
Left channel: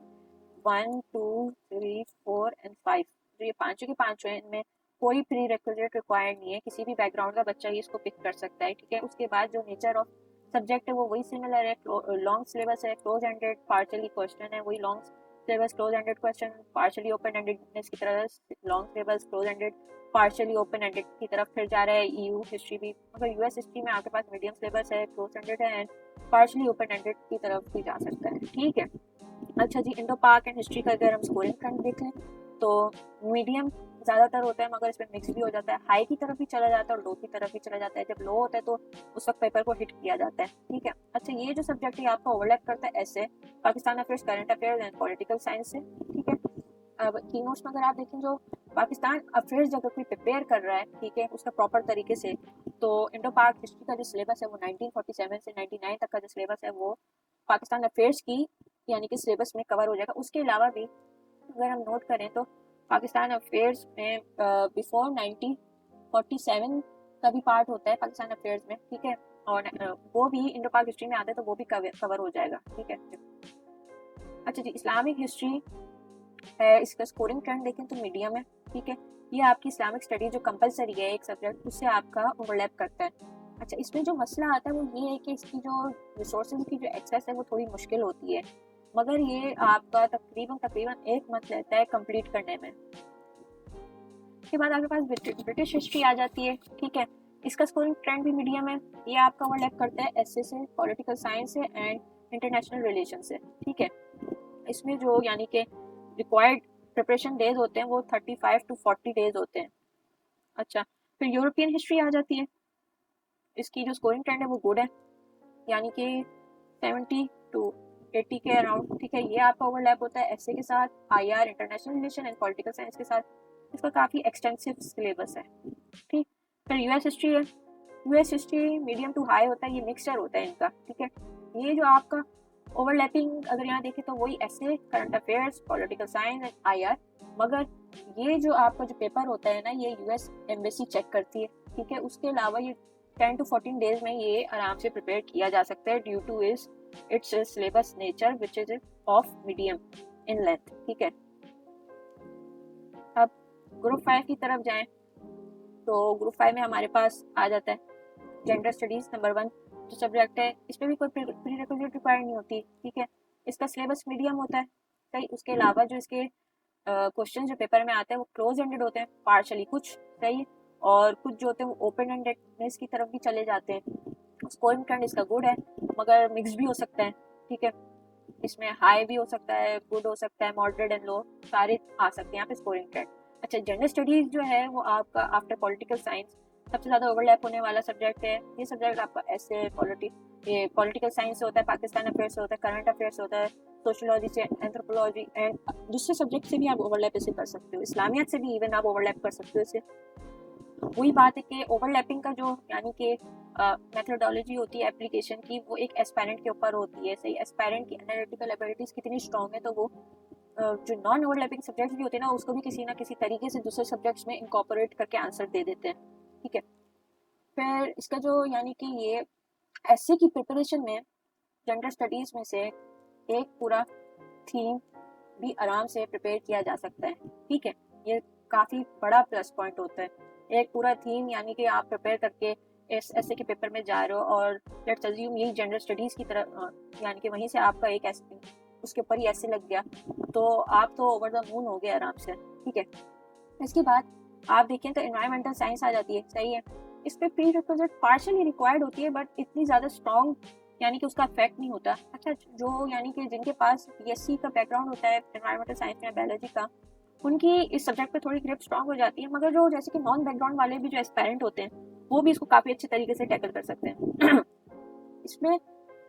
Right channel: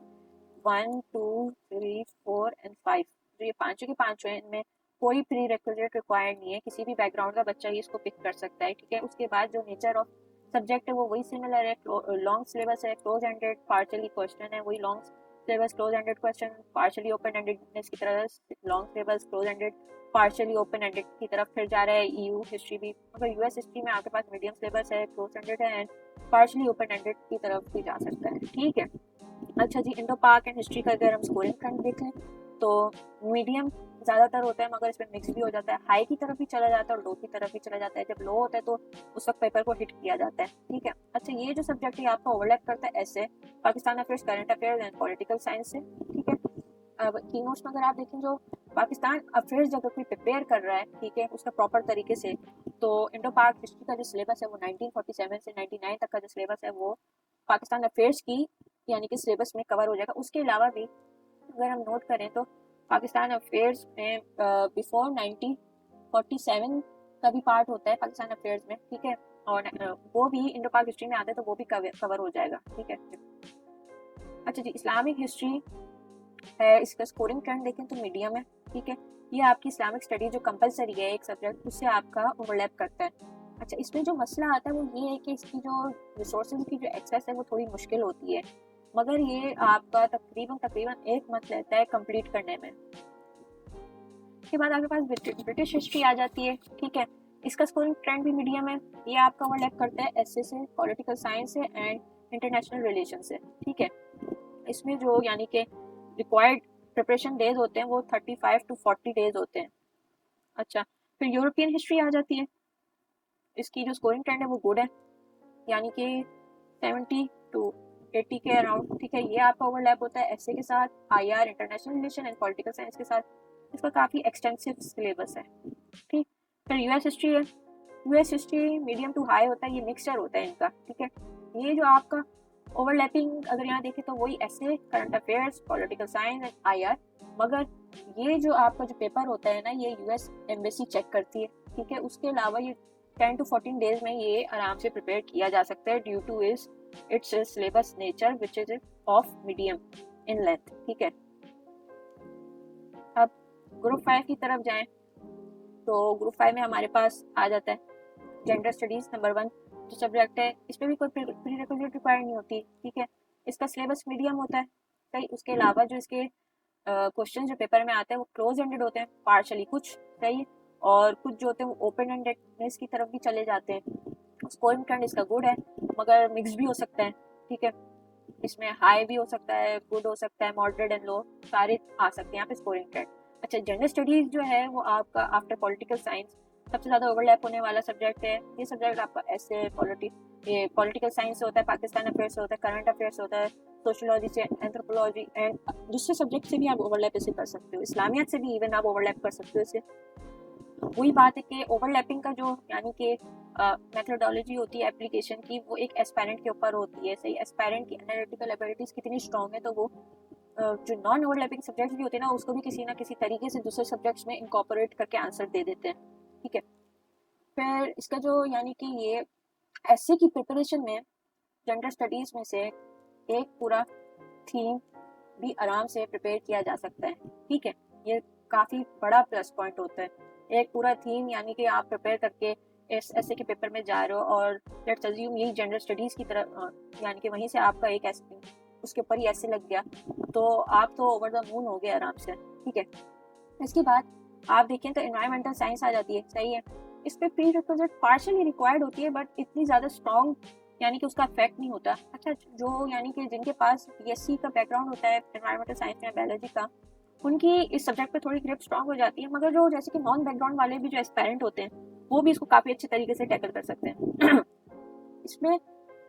1 2 3 4 एंड 5 जो ये पांचों के पांचों हैं, इनमें कोई प्री रिक्विजिट रिक्वायर्ड नहीं है, किसी भी बैकग्राउंड का बच्चा ही इसको पिक कर सकता है, ठीक है। उसके बाद जो नेचर ऑफ सब्जेक्ट है वो वही सिमिलर है, लॉन्ग सिलेबस है, क्लोज एंडेड, पार्शियली क्वेश्चन है वही long syllabus, close ended question, partially open ended की तरह long syllabus, close ended, partially open ended की तरफ फिर जा रहा है। ईयू हिस्ट्री भी, तो यूएस हिस्ट्री में आपके पास मीडियम सिलेबस है, क्लोज एंडेड है एंड पार्शियली ओपन एंडेड की तरफ भी जा सकता है, ठीक है। अच्छा जी, इंडो पाक एंड हिस्ट्री का अगर हम स्कोरिंग ट्रेंड देखें तो मीडियम ज़्यादातर होते हैं, मगर इसमें मिक्स भी हो जाता है, हाई की तरफ भी चला जाता है और लो की तरफ भी चला जाता है। जब लो होता है तो उस वक्त पेपर को हिट किया जाता है, ठीक है। अच्छा, ये जो सब्जेक्ट है आपका ओवरलैप करता है ऐसे Pakistan affairs, current affairs and political science से, ठीक है। अब की नोट्स में अगर आप देखें, जो पाकिस्तान अफेयर्स अगर कोई प्रिपेयर कर रहा है, ठीक है, उसका प्रॉपर तरीके से, तो इंडो पाक हिस्ट्री का जो सिलेबस है वो 1947 से 99 तक का जो सिलेबस है वो पाकिस्तान अफेयर्स की यानी कि सिलेबस में कवर हो जाएगा। उसके अलावा भी अगर हम नोट करें तो पाकिस्तान अफेयर्स में बिफोर 1947 का भी पार्ट होता है पाकिस्तान अफेयर्स में, ठीक है, और वो भी इंडो पाक हिस्ट्री में आता है तो वो भी कवर हो जाएगा, ठीक है। अच्छा जी, इस्लामिक हिस्ट्री इसका स्कोरिंग ट्रेंड देखें तो मीडियम है, ठीक है। ये आपकी इस्लामिक स्टडी जो कंपलसरी है एक सब्जेक्ट, उससे आपका ओवरलैप करता है। अच्छा, इसमें जो मसला आता है वो ये है कि इसकी जो रिसोर्सेज की जो एक्सेस है वो थोड़ी मुश्किल होती है, मगर ये आपका तकरीबन 1 मंथ रहता है कंप्लीट करने में। उसके बाद आपके पास ब्रिटिश हिस्ट्री आ जाती है, ठीक है। इसका स्कोरिंग ट्रेंड भी मीडियम है, ये आपका ओवरलैप करता है एसए से, पॉलिटिकल साइंस है एंड इंटरनेशनल रिलेशन से, ठीक है। इसमें जो यानी कि रिक्वायर्ड प्रिपरेशन डेज होते हैं वो 35 to 40 डेज होते हैं। अच्छा, फिर यूरोपियन हिस्ट्री आ जाती है, इसकी जो स्कोरिंग ट्रेंड है वो गुड है, यानी कि 70 to 80 के अराउंड, ठीक है। ये आपका ओवरलैप होता है एसए के साथ, IR, international relation and political science के साथ। इसका काफ़ी एक्सटेंसिव सिलेबस है, ठीक। फिर यूएस हिस्ट्री है, US history medium to high होता है, ये मिक्सचर होता है इनका, ठीक है। ये जो आपका ओवरलैपिंग अगर यहाँ देखें तो वही ऐसे current affairs, political science and IR, मगर ये जो आपका जो पेपर होता है ना ये यूएस एम्बेसी चेक करती है, ठीक है। उसके अलावा ये 10 to 14 डेज में ये आराम से प्रिपेयर किया जा सकता है due to its syllabus nature which is of medium in length, ठीक है। अब ग्रुप 5 की तरफ जाएं तो ग्रुप 5 में हमारे पास आ जाता है जेंडर स्टडीज नंबर 1 जो सब्जेक्ट है, इसमें भी कोई प्रीरिक्विजिट रिक्वायर्ड नहीं होती, ठीक है। इसका सिलेबस मीडियम होता है, सही। उसके अलावा जो इसके क्वेश्चन जो पेपर में आते हैं वो क्लोज एंडेड होते हैं पार्शली कुछ, सही, और कुछ जो होते हैं वो ओपन एंडेड की तरफ भी चले जाते हैं। स्कोरिंग ट्रेंड इसका गुड है, मगर मिक्स भी हो सकता है, ठीक है। इसमें हाई भी हो सकता है, गुड हो सकता है, मॉडरेट एंड लो सारे आ सकते हैं यहाँ पे स्कोरिंग ट्रेंड। अच्छा, जेंडर स्टडीज जो है वो आपका आफ्टर पॉलिटिकल साइंस सबसे ज़्यादा ओवरलैप होने वाला सब्जेक्ट है। ये सब्जेक्ट आपका ऐसे पॉलिटिकल साइंस से होता है, पाकिस्तान अफेयर्स से होता है, करंट अफेयर्स से होता है, सोशियोलॉजी से, एंथ्रोपोलॉजी एंड दूसरे सब्जेक्ट से भी आप ओवरलैप ऐसे कर सकते हो, इस्लामियत से भी इवन आप ओवरलैप कर सकते हो इससे। वही बात है कि ओवरलैपिंग का जो यानी कि मेथोडोलॉजी होती है एप्लीकेशन की वो एक एस्पायरेंट के ऊपर होती है, सही। एस्पायरेंट की एनालिटिकल एबिलिटीज कितनी स्ट्रॉन्ग है तो वो जो नॉन ओवरलैपिंग सब्जेक्ट्स भी होते हैं ना उसको भी किसी ना किसी तरीके से दूसरे सब्जेक्ट्स में इंकॉर्पोरेट करके आंसर दे देते हैं, ठीक है। फिर इसका जो यानी कि ये एससी की प्रिपरेशन में जेंडर स्टडीज में से एक पूरा थीम भी आराम से प्रिपेयर किया जा सकता है, ठीक है। ये काफ़ी बड़ा प्लस पॉइंट होता है, एक पूरा थीम यानी कि आप प्रिपेयर करके इस एसए के पेपर में जा रहे हो और लेट्स अज्यूम ये जनरल स्टडीज़ की तरफ यानी कि वहीं से आपका एक एसए उसके ऊपर ही ऐसे लग गया तो आप तो ओवर द मून हो गए आराम से, ठीक है। इसके बाद आप देखें तो एनवायरमेंटल साइंस आ जाती है, सही है। इस पर प्री रिक्विजिट पार्शियली रिक्वायर्ड होती है बट इतनी ज़्यादा स्ट्रॉन्ग यानी कि उसका इफेक्ट नहीं होता। अच्छा, जो यानी कि जिनके पास बीएससी का बैकग्राउंड होता है एनवायरमेंटल साइंस या बायोलॉजी का, उनकी इस सब्जेक्ट पे थोड़ी ग्रिप स्ट्रॉन्ग हो जाती है, मगर जो जैसे कि नॉन बैकग्राउंड वाले भी जो एस्पायरेंट होते हैं वो भी इसको काफ़ी अच्छे तरीके से टैकल कर सकते हैं। इसमें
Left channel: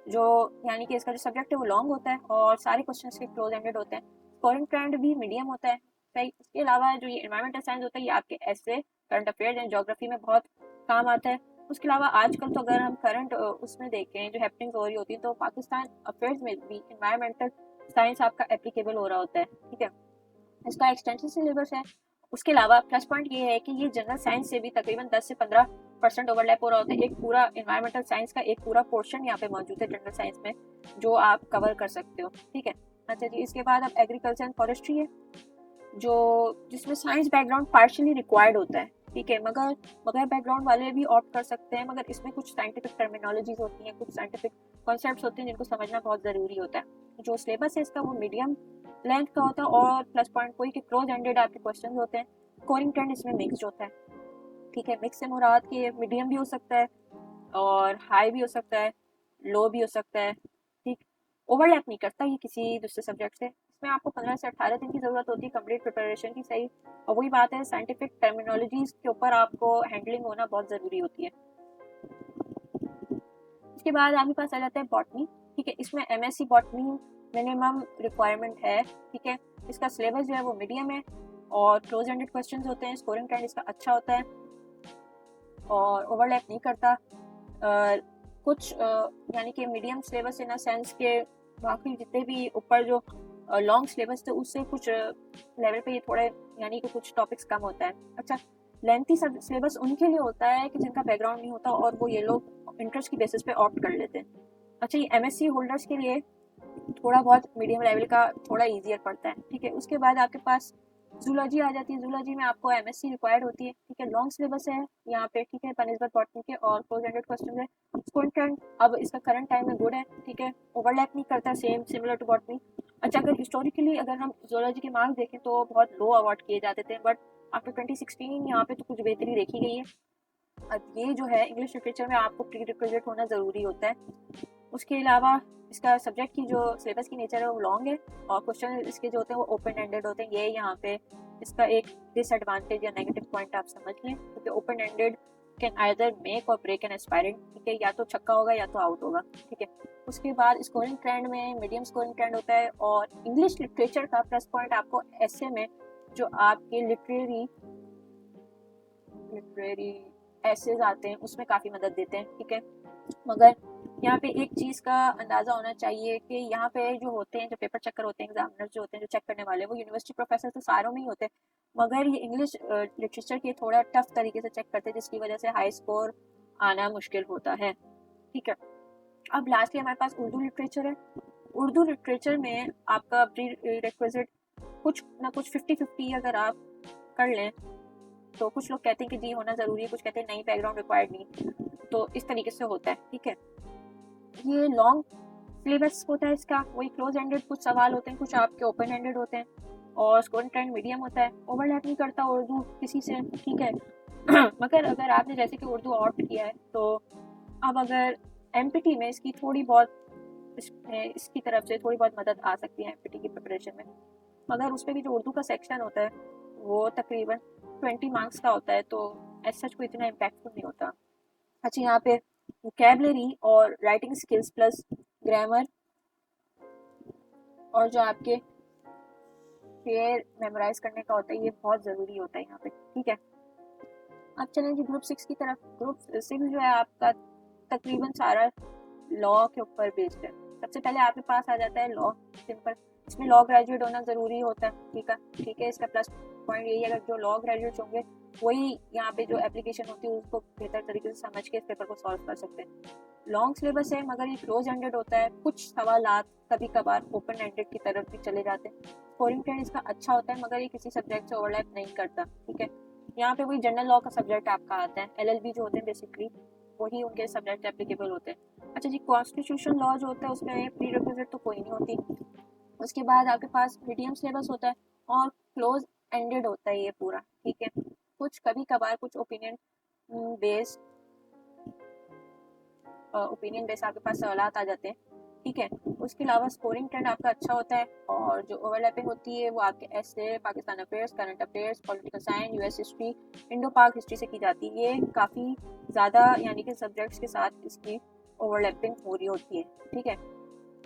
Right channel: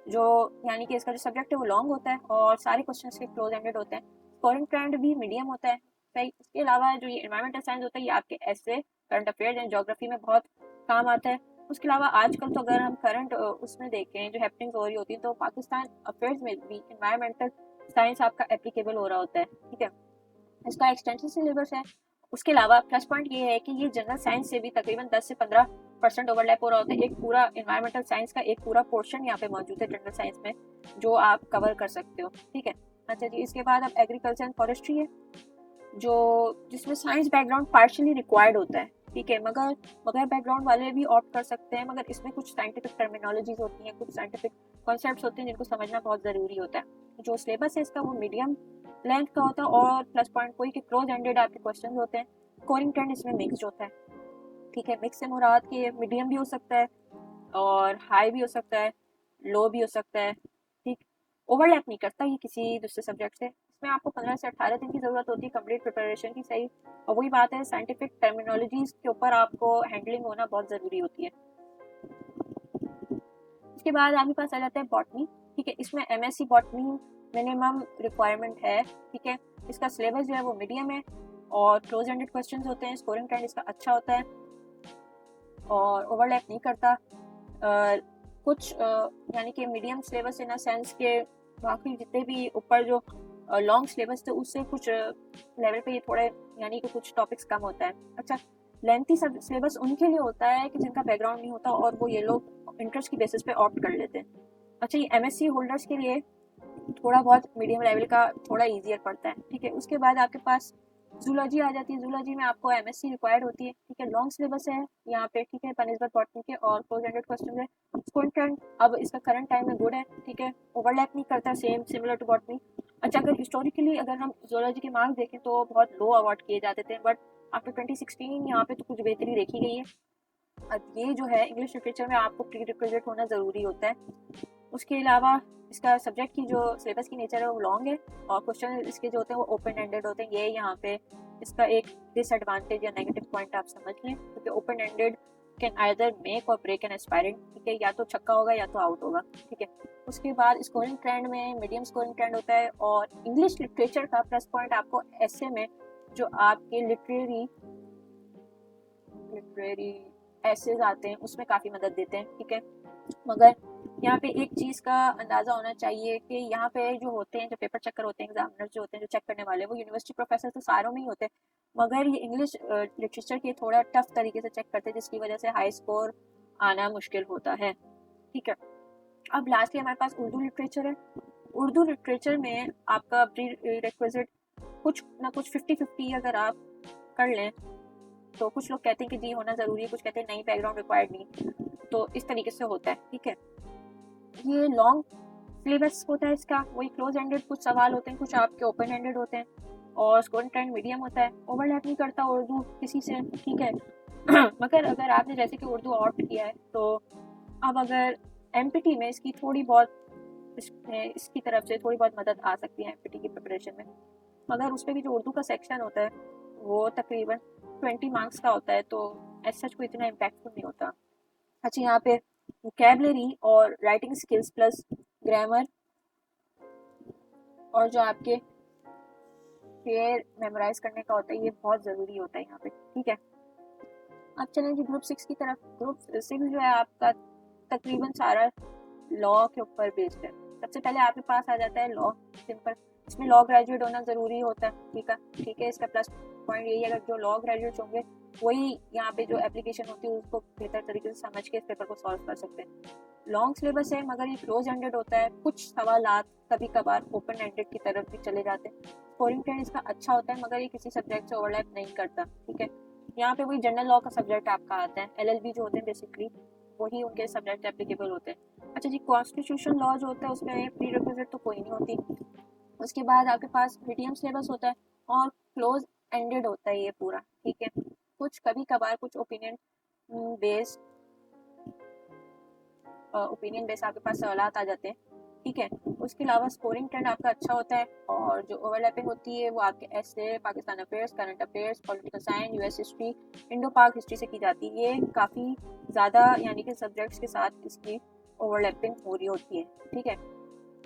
जो यानी कि इसका जो सब्जेक्ट है वो लॉन्ग होता है और सारे क्वेश्चन इसमें क्लोज एंडेड होते हैं, स्कोरिंग ट्रेंड भी मीडियम होता है, सही। इसके अलावा जो ये एनवायरमेंटल साइंस होता है ये आपके ऐसे करंट अफेयर्स एंड ज्योग्राफी में बहुत काम आता है। उसके अलावा आजकल तो अगर हम करंट उसमें देखें जो हैपनिंग हो रही होती है तो पाकिस्तान अफेयर्स में भी एनवायरमेंटल साइंस आपका एप्लीकेबल हो रहा होता है, ठीक है। इसका एक्सटेंसिव सिलेबस है। उसके अलावा प्लस पॉइंट ये है कि ये जनरल साइंस से भी तकरीबन 10 से 15% ओवरलैप हो रहा होता है। एक पूरा एनवायरमेंटल साइंस का एक पूरा पोर्शन यहाँ पे मौजूद है जनरल साइंस में जो आप कवर कर सकते हो, ठीक है। अच्छा जी, इसके बाद अब एग्रीकल्चर एंड फॉरेस्ट्री है। जो जिसमें साइंस बैकग्राउंड पार्शियली रिक्वायर्ड होता है, ठीक है, मगर बैकग्राउंड वाले भी ऑप्ट कर सकते हैं, मगर इसमें कुछ साइंटिफिक टर्मिनोलॉजीज होती है, कुछ साइंटिफिक कॉन्सेप्ट्स होते हैं जिनको समझना बहुत ज़रूरी होता है। जो सिलेबस है इसका वो मीडियम लेंथ का होता है, और प्लस पॉइंट कोई के क्लोज एंडेड आपके क्वेश्चन होते हैं। स्कोरिंग ट्रेंड इसमें मिक्स होता है, ठीक है, मिक्स से मुराद के मीडियम भी हो सकता है और हाई भी हो सकता है, लो भी हो सकता है, ठीक, ओवरलैप नहीं करता ये किसी दूसरे सब्जेक्ट से। इसमें आपको 15 से 18 दिन की ज़रूरत होती है कंप्लीट प्रिपरेशन की, सही। और वही बात है, साइंटिफिक टर्मिनोलॉजीज के ऊपर आपको हैंडलिंग होना बहुत ज़रूरी होती है। उसके बाद आपके पास आ जाता है बॉटनी, ठीक है, इसमें एमएससी बॉटनी मिनिमम रिक्वायरमेंट है, ठीक है। इसका सिलेबस जो है वो मीडियम है और क्लोज एंडेड क्वेश्चंस होते हैं, स्कोरिंग ट्रेंड इसका अच्छा होता है और ओवरलैप नहीं करता। कुछ यानी कि medium syllabus in a sense के बाकी जितने भी ऊपर जो लॉन्ग सिलेबस थे उससे कुछ लेवल पे थोड़े यानी कि कुछ टॉपिक्स कम होता है। अच्छा, लेंथी सिलेबस उनके लिए होता है कि जिनका बैकग्राउंड नहीं होता और वो ये लोग इंटरेस्ट की बेसिस पे ऑप्ट कर लेते हैं। अच्छा, ये एमएससी होल्डर्स के लिए थोड़ा बहुत मीडियम लेवल का थोड़ा ईजियर पड़ता है, ठीक है। उसके बाद आपके पास जूलॉजी आ जाती है। जूलॉजी में आपको एमएससी रिक्वायर्ड होती है, ठीक है, लॉन्ग सिलेबस है यहाँ पे, ठीक है, बनिस्बत बॉटनी के और 400 क्वेश्चन है। स्कूल टर्न अब इसका करंट टाइम में गुड है, ठीक है, ओवरलैप नहीं करता है, सेम सिमिलर टू बॉटनी। अच्छा, अगर हिस्टोरिकली अगर हम जूलॉजी के मार्क्स देखें तो बहुत लो अवार्ड किए जाते थे, बट आफ्टर 2016 यहाँ पे तो कुछ बेहतरी देखी गई है। अब ये जो है इंग्लिश लिटरेचर में आपको प्री रिक्विजिट होना ज़रूरी होता है। उसके अलावा इसका सब्जेक्ट की जो सिलेबस की नेचर है वो लॉन्ग है और क्वेश्चन इसके जो होते हैं वो ओपन एंडेड होते हैं। ये यहाँ पे इसका एक डिसएडवांटेज या नेगेटिव पॉइंट आप समझ लें, क्योंकि open ended can either make और ब्रेक एन एस्पायरेंट, ठीक है, या तो छक्का होगा या तो आउट होगा, ठीक है। उसके बाद स्कोरिंग ट्रेंड में मीडियम स्कोरिंग ट्रेंड होता है और इंग्लिश लिटरेचर का प्लस पॉइंट आपको ऐसे में जो आपकी लिटरेरी एसेज आते हैं उसमें काफ़ी मदद देते हैं, ठीक है। मगर यहाँ पे एक चीज़ का अंदाज़ा होना चाहिए कि यहाँ पे जो होते हैं, जो पेपर चेकर होते हैं, एग्जामिनर जो होते हैं, जो चेक करने वाले, वो यूनिवर्सिटी प्रोफेसर तो सारों में ही होते हैं, मगर ये इंग्लिश लिटरेचर के थोड़ा टफ तरीके से चेक करते हैं, जिसकी वजह से हाई स्कोर आना मुश्किल होता है, ठीक है। अब लास्टली हमारे पास उर्दू लिटरेचर है। उर्दू लिटरेचर में आपका प्री रिक्विजिट कुछ ना कुछ 50-50 अगर आप कर लें तो कुछ लोग कहते हैं कि जी होना ज़रूरी है, कुछ कहते हैं नहीं, बैकग्राउंड रिक्वायर्ड नहीं, तो इस तरीके से होता है, ठीक है। ये लॉन्ग सिलेबस होता है इसका, वही क्लोज एंडेड कुछ सवाल होते हैं, कुछ आपके ओपन एंडेड होते हैं और स्कोरिंग ट्रेंड मीडियम होता है, ओवरलैप नहीं करता उर्दू किसी से, ठीक है। मगर अगर आपने जैसे कि उर्दू ऑप्ट किया है तो अब अगर एमपीटी में इसकी थोड़ी बहुत इसकी तरफ से थोड़ी बहुत मदद आ सकती है एमपीटी की प्रिपरेशन में, मगर उसमें भी जो उर्दू का सेक्शन होता है वो तकरीबन 20 मार्क्स का होता है, तो एज सच कोई इतना इम्पैक्टफुल नहीं होता। अच्छा, यहाँ पे वोकैबलरी और राइटिंग स्किल्स प्लस ग्रामर और जो आपके पेयर मेमोराइज करने का होता है ये बहुत ज़रूरी होता है यहाँ पे, ठीक है। अब चलें जी ग्रुप 6 की तरफ। ग्रुप 6 जो है आपका तकरीबन सारा लॉ के ऊपर बेस्ड है। सबसे पहले आपके पास आ जाता है लॉ, सिंपल, इसमें लॉ ग्रेजुएट होना ज़रूरी होता है, ठीक है। इसका प्लस पॉइंट यही है, अगर जो लॉ ग्रेजुएट होंगे वही यहाँ पे जो एप्लीकेशन होती है उसको बेहतर तरीके से समझ के इस पेपर को सॉल्व कर सकते हैं। लॉन्ग सिलेबस है मगर ये क्लोज एंडेड होता है, कुछ सवाल कभी कभार ओपन एंडेड की तरफ भी चले जाते हैं। स्कोरिंग ट्रेंड इसका अच्छा होता है मगर ये किसी सब्जेक्ट से ओवरलैप नहीं करता, ठीक है। यहाँ पे कोई जनरल लॉ का सब्जेक्ट आपका आता है, एलएलबी जो होते हैं बेसिकली वही उनके सब्जेक्ट एप्लीकेबल होते हैं। अच्छा जी, कॉन्स्टिट्यूशन लॉ जो होता है उसमें प्री रिक्विजिट तो कोई नहीं होती। उसके बाद आपके पास मीडियम सिलेबस होता है और क्लोज एंडेड होता है ये पूरा, ठीक है। कुछ कभी कभार कुछ ओपिनियन बेस आपके पास सवालात आ जाते हैं, ठीक है। उसके अलावा स्कोरिंग ट्रेंड आपका अच्छा होता है और जो ओवरलैपिंग होती है वो आपके ऐसे Pakistan affairs, current affairs, political science, US history, Indo पाक हिस्ट्री से की जाती है। ये काफ़ी ज़्यादा यानी कि सब्जेक्ट्स के साथ इसकी ओवरलैपिंग हो रही होती है, ठीक है।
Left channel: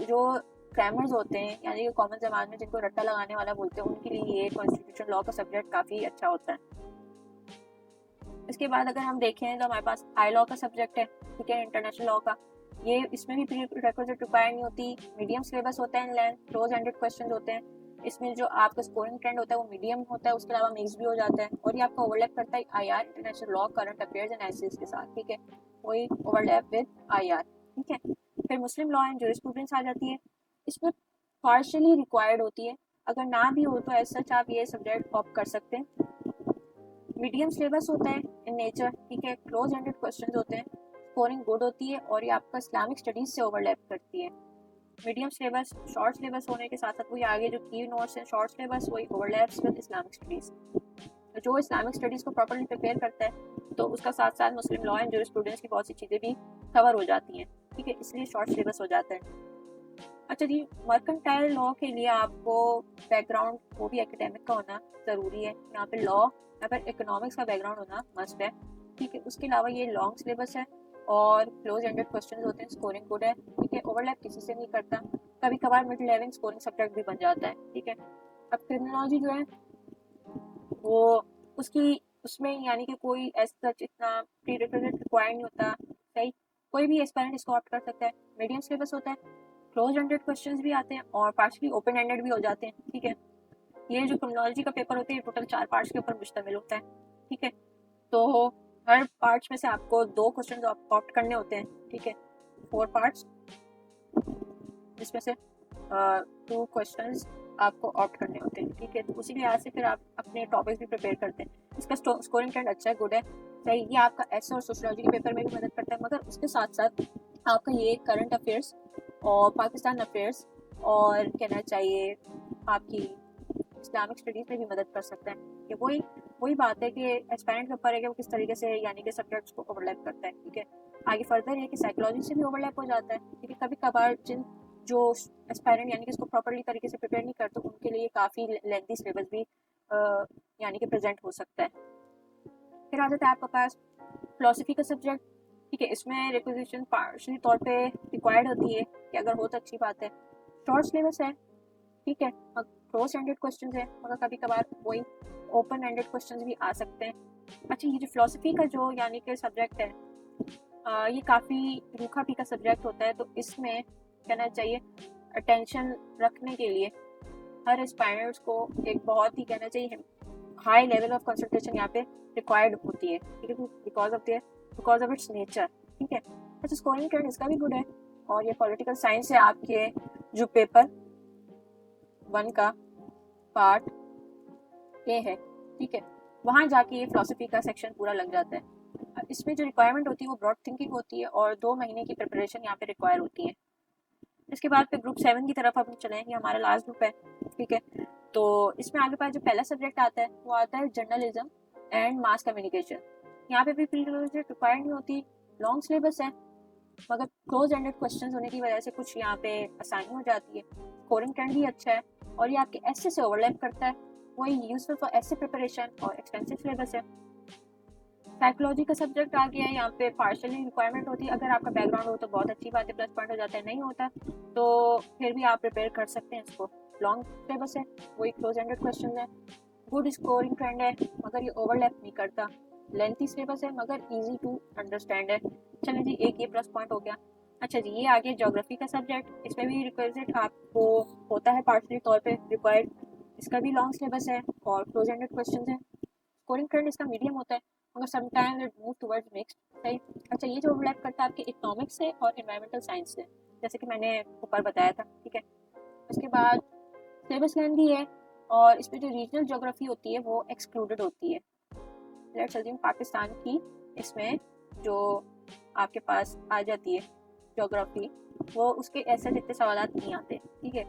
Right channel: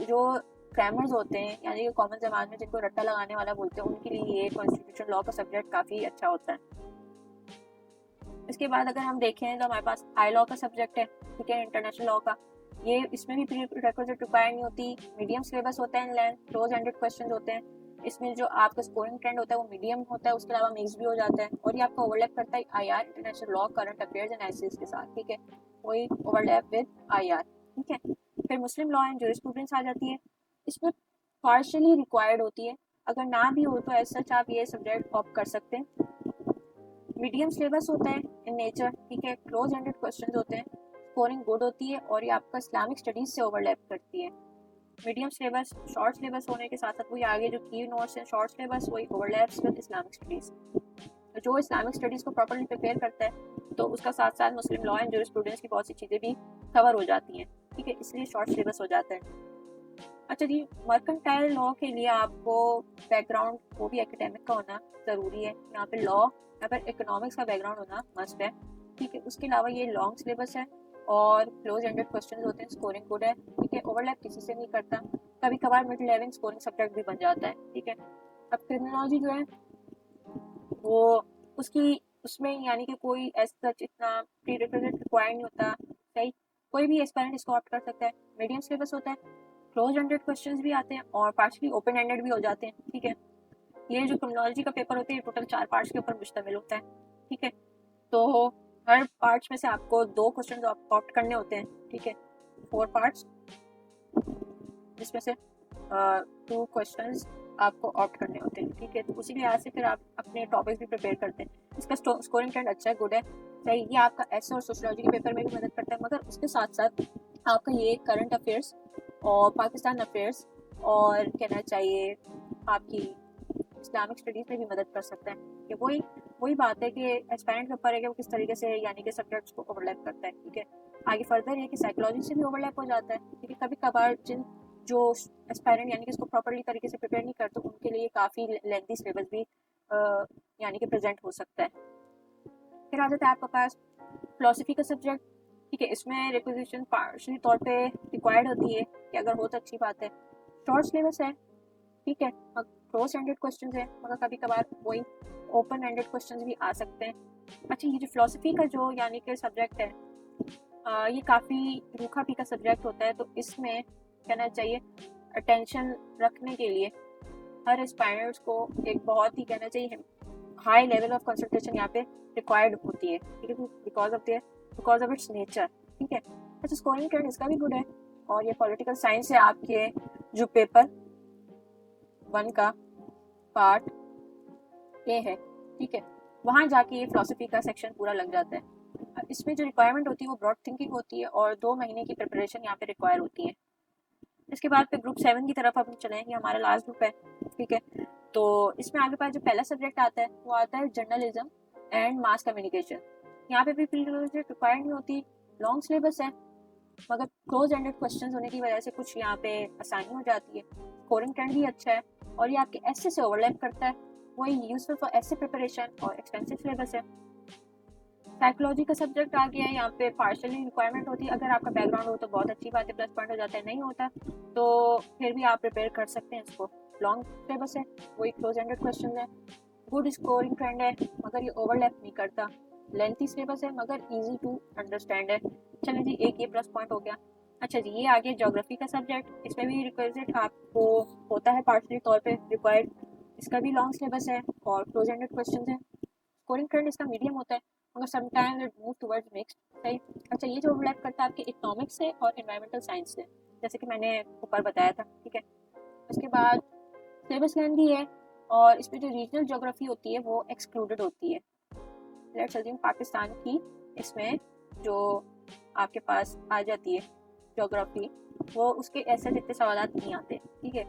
जो क्राइमर्स होते हैं यानी कि कॉमन जबान में जिनको रट्टा लगाने वाला बोलते हैं उनके लिए ये कॉन्स्टिट्यूशन लॉ का सब्जेक्ट काफ़ी अच्छा होता है। इसके बाद अगर हम देखें तो हमारे पास आई लॉ का सब्जेक्ट है, ठीक है, इंटरनेशनल लॉ का। ये इसमें भी प्री रिक्विजिट रिक्वायर नहीं होती, मीडियम सिलेबस होते हैं, लेंथ क्लोज एंडेड क्वेश्चन होते हैं। इसमें जो आपका स्कोरिंग ट्रेंड होता है वो मीडियम होता है, उसके अलावा मिक्स भी हो जाते हैं और ये आपको ओवरलैप करता है IR, international law, current affairs and essays के साथ, ठीक है। वही ओवरलैप है आईआर, ठीक है। फिर मुस्लिम लॉ एंड जूरिस्प्रूडेंस आ जाती है, इसमें पार्शियली रिक्वायर्ड होती है अगर ना भी हो तो ऐसा आप ये सब्जेक्ट ऑप्ट कर सकते हैं। मीडियम सिलेबस होता है इन नेचर, ठीक है, क्लोज एंडेड क्वेश्चंस होते हैं, स्कोरिंग गुड होती है और ये आपका इस्लामिक स्टडीज से ओवरलैप करती है। मीडियम सिलेबस शॉर्ट सिलेबस होने के साथ साथ वही आगे जो की नोट्स है शॉर्ट सिलेबस वही ओवरलैप्स विद इस्लामिक स्टडीज। तो जो इस्लामिक स्टडीज को प्रॉपर्ली प्रिपेयर करता है तो उसका साथ साथ मुस्लिम लॉ एंड जूरिस्प्रूडेंस की बहुत सी चीज़ें भी कवर हो जाती हैं, ठीक है, इसलिए शॉर्ट सिलेबस हो जाता है। अच्छा जी, मर्केंटाइल लॉ के लिए आपको बैकग्राउंड वो भी एकेडमिक का होना ज़रूरी है। यहाँ पे लॉ अगर इकोनॉमिक्स का बैकग्राउंड होना मस्ट है, ठीक है। उसके अलावा ये लॉन्ग सिलेबस है और क्लोज एंडेड क्वेश्चन होते हैं, स्कोरिंग गुड है, ठीक है, ओवरलैप किसी से नहीं करता, कभी कभार मिड लेवल स्कोरिंग सब्जेक्ट भी बन जाता है, ठीक है। अब क्रिमिनोलॉजी जो है वो उसकी उसमें यानी कि कोई ऐसा इतना प्रीरिक्विजिट रिक्वायर्ड नहीं होता, सही, कोई भी एस्पायरेंट इसको ऑप्ट कर सकता है। मीडियम सिलेबस होता है, क्लोज एंडेड क्वेश्चंस भी आते हैं और पार्शली ओपन एंडेड भी हो जाते हैं, ठीक है। ये जो क्रिमिनोलॉजी का पेपर होते हैं टोटल 4 पार्ट्स के ऊपर मुश्तमिल होता है, ठीक है। तो हर पार्ट्स में से आपको 2 क्वेश्चंस ऑप्ट करने होते हैं, ठीक है, 4 पार्ट्स जिसमें से 2 क्वेश्चंस आपको ऑप्ट करने होते हैं, ठीक है। तो उसी लिहाज से फिर आप अपने टॉपिक्स भी प्रिपेयर करते हैं। इसका स्कोरिंग ट्रेंड अच्छा गुड है, सही, ये आपका एस और सोशियोलॉजी के पेपर में भी मदद करते हैं, मगर उसके साथ साथ आपका ये करंट अफेयर्स और पाकिस्तान अफेयर्स और कहना चाहिए आपकी इस्लामिक स्टडीज में भी मदद कर सकते हैं। कि वही बात है कि एस्पायरेंट के ऊपर है कि वो किस तरीके से यानी कि सब्जेक्ट्स को ओवरलैप करता है, ठीक है। आगे फर्दर ये कि साइकोलॉजी से भी ओवरलैप हो जाता है, ठीक है। कभी कभार जिन जो एस्पायरेंट यानी कि इसको प्रॉपर्ली तरीके से प्रिपेयर नहीं करते उनके लिए काफ़ी लेंथी सिलेबस भी यानी कि प्रेजेंट हो सकता है। फिर आ जाता है आपके पास फिलोसफी का सब्जेक्ट, ठीक है। इसमें रिक्वेजिशन पार्शल तौर पे रिक्वायर्ड होती है कि अगर हो तो अच्छी बात है। शॉर्ट सिलेबस है, ठीक है, क्रॉस एंडेड क्वेश्चंस है मगर कभी कभार वही ओपन एंडेड क्वेश्चंस भी आ सकते हैं। अच्छा, ये जो फिलोसफी का जो यानी कि सब्जेक्ट है ये काफ़ी रूखा फीका सब्जेक्ट होता है, तो इसमें कहना चाहिए अटेंशन रखने के लिए हर एस्पायरेंट्स को एक बहुत ही कहना चाहिए हाई लेवल ऑफ कंसंट्रेशन यहाँ पे रिक्वायर्ड होती है, ठीक है, बिकॉज ऑफ इट्स नेचर, ठीक है। अच्छा, स्कोरिंग ट्रेंड इसका भी गुड है और ये पॉलिटिकल साइंस है आपके जो पेपर 1 का पार्ट ए है, ठीक है, वहाँ जाके ये फिलोसफी का सेक्शन पूरा लग जाता है। इसमें जो रिक्वायरमेंट होती है वो ब्रॉड थिंकिंग होती है और 2 महीने की प्रिपरेशन यहाँ पे रिक्वायर होती है। इसके बाद फिर ग्रुप 7 की तरफ हम चलेंगे, हमारा लास्ट ग्रुप है, ठीक है। तो इसमें आपके पास जो पहला सब्जेक्ट आता है वो आता है जर्नलिज्म एंड मास कम्युनिकेशन। यहाँ पे भी रिक्वायर्ड नहीं होती, लॉन्ग सिलेबस है मगर क्लोज एंडेड क्वेश्चंस होने की वजह से कुछ यहाँ पे आसानी हो जाती है। स्कोरिंग ट्रेंड भी अच्छा है और ये आपके एसे से ओवरलैप करता है, वही यूजफुल फॉर एसे प्रिपरेशन और एक्सपेंसिव सिलेबस है। साइकोलॉजी का सब्जेक्ट आ गया है, यहाँ पे पार्शियल रिक्वायरमेंट होती है, अगर आपका बैकग्राउंड हो तो बहुत अच्छी बात है, प्लस पॉइंट हो जाता है, नहीं होता तो फिर भी आप प्रिपेयर कर सकते हैं इसको। लॉन्ग सिलेबस है, वही क्लोज एंडेड क्वेश्चन है, गुड स्कोरिंग ट्रेंड है मगर ये ओवरलैप नहीं करता, लेंथी सिलेबस है मगर इजी टू अंडरस्टैंड है। चलिए जी, एक ये प्लस पॉइंट हो गया। अच्छा जी, ये आ गया ज्योग्राफी का सब्जेक्ट, इसमें भी रिक्विजिट आपको होता है पार्शियल तौर पे रिक्वायर्ड, इसका भी लॉन्ग सिलेबस है और क्लोज एंडेड क्वेश्चन है। स्कोरिंग ट्रेंड इसका मीडियम होता है मगर sometime it move towards mixed, सही। अच्छा, ये जो ओवरलैप करता है आपके इकोनॉमिक्स से और एनवायरमेंटल साइंस से, जैसे कि मैंने ऊपर बताया था, ठीक है। उसके बाद सिलेबस लेंथी है और इसमें जो रीजनल ज्योग्राफी होती है वो एक्सक्लूडेड होती है। लेट्स अज्यूम पाकिस्तान की इसमें जो आपके पास आ जाती है ज्योग्राफी, वो उसके ऐसे इतने सवाल नहीं आते, ठीक है।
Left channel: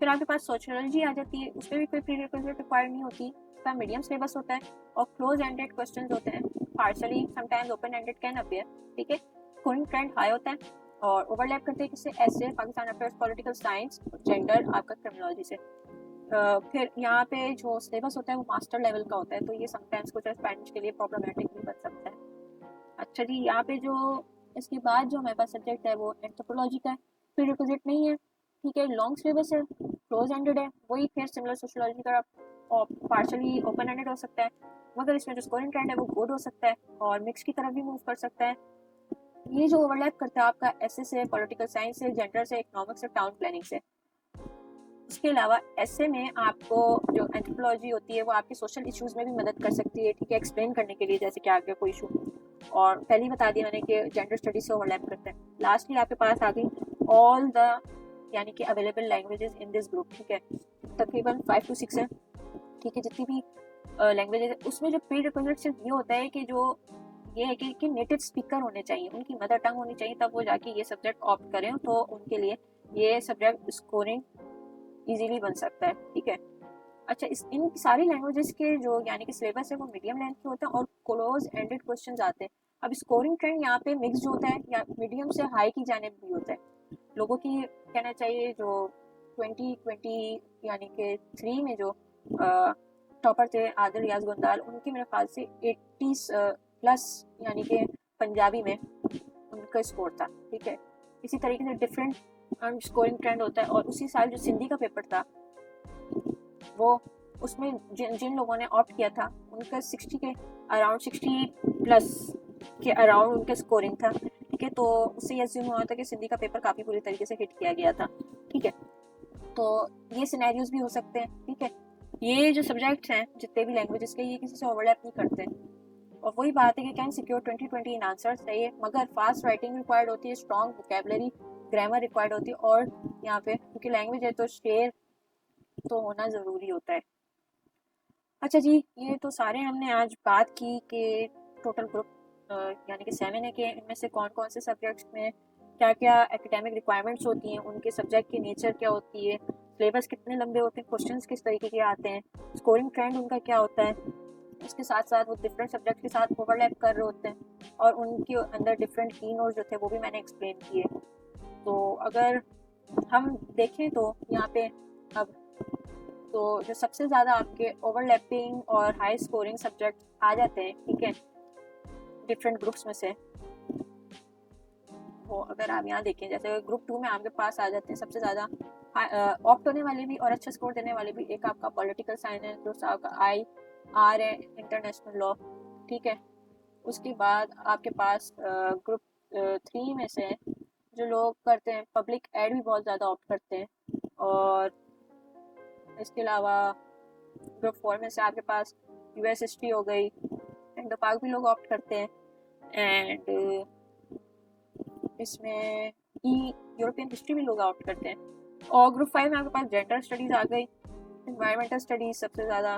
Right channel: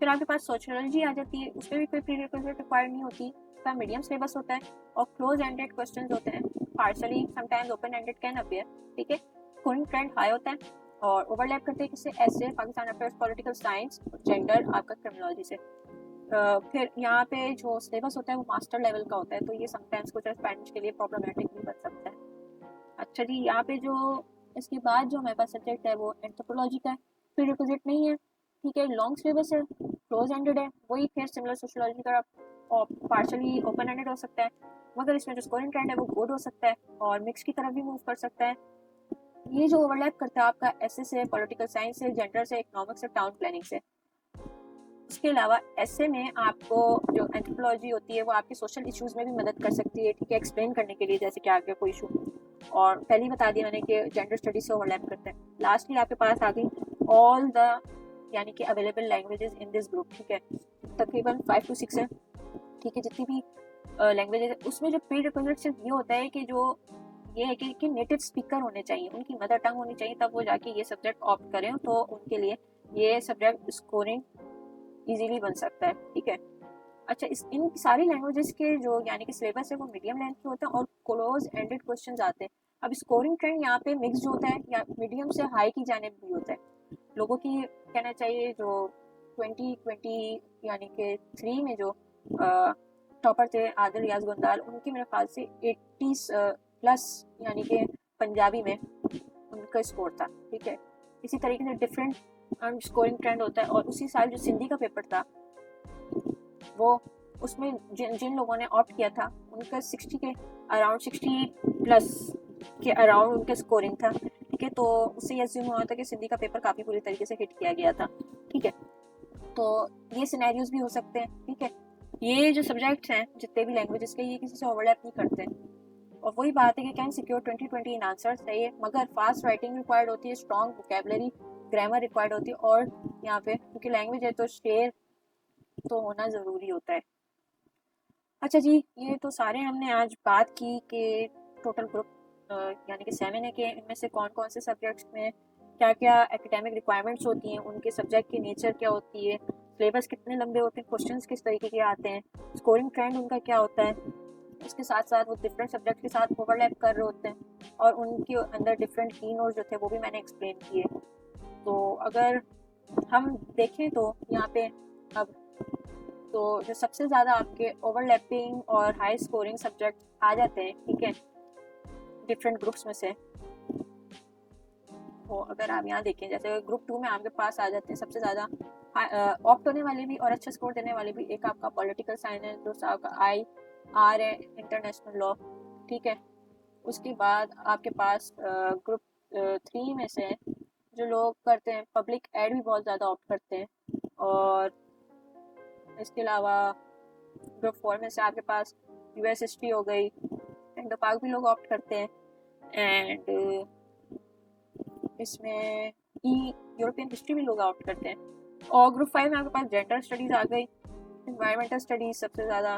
फिर आपके पास सोशियोलॉजी आ जाती है, उसमें भी कोई प्रीरिक्विजिट रिक्वायर्ड नहीं होती, इसका मीडियम सिलेबस होता है और क्लोज एंडेड क्वेश्चंस होते हैं, partially sometimes open ended can appear, ठीक है। स्कोरिंग ट्रेंड हाई होता है और ओवरलैप करते हैं जिससे ऐसे Pakistan affairs, political science, gender आपका क्रिमिनोलॉजी से। फिर यहाँ पे जो सिलेबस होता है वो मास्टर लेवल का होता है, तो ये समटाइम्स कुछ एस्पायरेंट्स के लिए प्रॉब्लमेटिक भी बन सकता है। अच्छा जी, यहाँ पे जो इसके बाद जो हमारे पास सब्जेक्ट है वो एंथ्रोपोलॉजी का है, प्रीरिक्विजिट नहीं है, ठीक है, लॉन्ग सिलेबस है, क्लोज एंडेड है, वही फिर सिमिलर सोशियोलॉजी का पार्शली ओपन एंडेड हो सकता है मगर इसमें जो स्कोरिंग ट्रेंड है वो गुड हो सकता है और मिक्स की तरफ भी मूव कर सकता है। ये जो ओवरलैप करता है आपका एसए से, पॉलिटिकल साइंस से, जेंडर से, इकोनॉमिक्स से, टाउन प्लानिंग से। उसके अलावा एसए में आपको जो एंथ्रोपोलॉजी होती है वो आपके सोशल इश्यूज में भी मदद कर सकती है, ठीक है, एक्सप्लेन करने के लिए, जैसे कि आपका कोई इशू, और पहले ही बता दिया मैंने कि जेंडर स्टडीज से ओवरलैप करते हैं। लास्टली आपके पास आ गई ऑल द यानी कि available languages in this group, ठीक है। तकरीबन 5 to 6 है, ठीक है, जितनी भी लैंग्वेज है उसमें जो प्री रिक्विजिट सिर्फ ये होता है कि जो ये है कि नेटिव स्पीकर होने चाहिए, उनकी मदर टंग होनी चाहिए, तब वो जाके ये सब्जेक्ट ऑप्ट करें तो उनके लिए ये सब्जेक्ट स्कोरिंग इजीली बन सकता है, ठीक है। अच्छा, इस इन सारी लैंग्वेजेस के जो यानी कि सिलेबस है वो मीडियम लेंथ में होता है और क्लोज एंडेड क्वेश्चंस आते हैं। अब स्कोरिंग ट्रेंड यहाँ पे मिक्स होता है या मीडियम से हाई की जाने भी होते हैं। लोगों की कहना चाहिए जो 2020 यानी कि 3 में जो टॉपर थे आदिल रियाज गुंदाल, उनके मेरे ख्याल से 80 प्लस यानी कि पंजाबी में उनका स्कोर था, ठीक है। इसी तरीके से डिफरेंट स्कोरिंग ट्रेंड होता है। और उसी साल जो सिंधी का पेपर था वो उसमें जिन जिन लोगों ने ऑप्ट किया था उनका 60 के अराउंड 60 प्लस के अराउंड उनका स्कोरिंग था, ठीक है। तो उससे ये अज्यूम हुआ था कि सिंधी का पेपर काफ़ी बुरी तरीके से हिट किया गया था, ठीक है। तो ये सिनेरियोज भी हो सकते हैं, ठीक है। ये जो सब्जेक्ट्स हैं जितने भी लैंग्वेजेस के, ये किसी से ओवरलैप नहीं करते हैं। और वही बात है कि कैन सिक्योर 2020 इन आंसर्स है ये, मगर फास्ट राइटिंग रिक्वायर्ड होती है, स्ट्रॉन्ग वोकैबुलरी ग्रामर रिक्वायर्ड होती है, और यहाँ पे क्योंकि लैंग्वेज है तो शेर तो होना ज़रूरी होता है। अच्छा जी, ये तो सारे हमने आज बात की कि टोटल ग्रुप यानी कि 7 है कि इनमें से कौन कौन से सब्जेक्ट्स में क्या क्या एकेडमिक रिक्वायरमेंट्स होती हैं, उनके सब्जेक्ट की नेचर क्या होती है, सिलेबस कितने लंबे होते हैं, क्वेश्चंस किस तरीके के आते हैं, स्कोरिंग ट्रेंड उनका क्या होता है, उसके साथ साथ वो डिफरेंट सब्जेक्ट के साथ ओवरलैप कर रहे होते हैं, और उनके अंदर डिफरेंट की नोट जो थे वो भी मैंने एक्सप्लेन किए। तो अगर हम देखें तो यहाँ पे अब तो जो सबसे ज़्यादा आपके ओवरलैपिंग और हाई स्कोरिंग सब्जेक्ट आ जाते हैं, ठीक है, डिफरेंट ग्रुप्स में से। तो अगर आप यहाँ देखें जैसे ग्रुप 2 में आपके पास आ जाते हैं सबसे ज़्यादा ऑप्ट होने वाले भी और अच्छा स्कोर देने वाले भी। एक आपका पॉलिटिकल साइंस है, दूसरा आपका IR है, इंटरनेशनल लॉ, ठीक है। उसके बाद आपके पास ग्रुप 3 में से जो लोग करते हैं पब्लिक एड भी बहुत ज़्यादा ऑप्ट करते हैं, और इसके अलावा ग्रुप 4 में से आपके पास US हिस्ट्री हो गई, इंडो पाक भी लोग ऑप्ट करते हैं, एंड इसमें यूरोपियन हिस्ट्री भी लोग ऑप्ट करते हैं। और ग्रुप 5 में आपके पास जेंडर स्टडीज़ आ गई, इन्वायरमेंटल स्टडीज़ सबसे ज़्यादा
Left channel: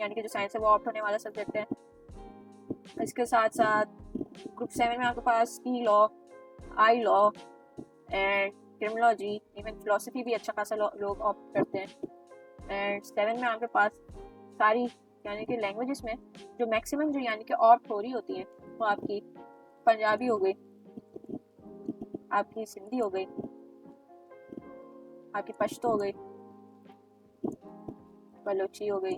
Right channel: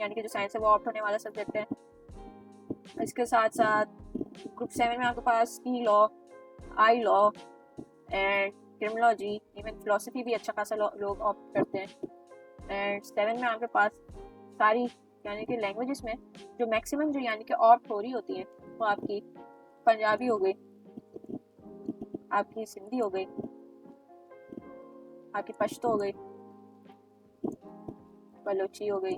यानी कि जो साइंस है वो ऑप्ट होने वाला सब्जेक्ट है। इसके साथ साथ ग्रुप 7 में आपके पास law, I law and criminology, even philosophy भी अच्छा खासा लोग ऑप्ट करते हैं। एंड 7 में आपके पास सारी यानी कि लैंग्वेजेस में जो मैक्सिमम जो यानी कि ऑप्ट हो रही होती है वो आपकी पंजाबी हो गई, आपकी सिंधी हो गई, आपकी पश्तो हो गई, बलोची हो गई।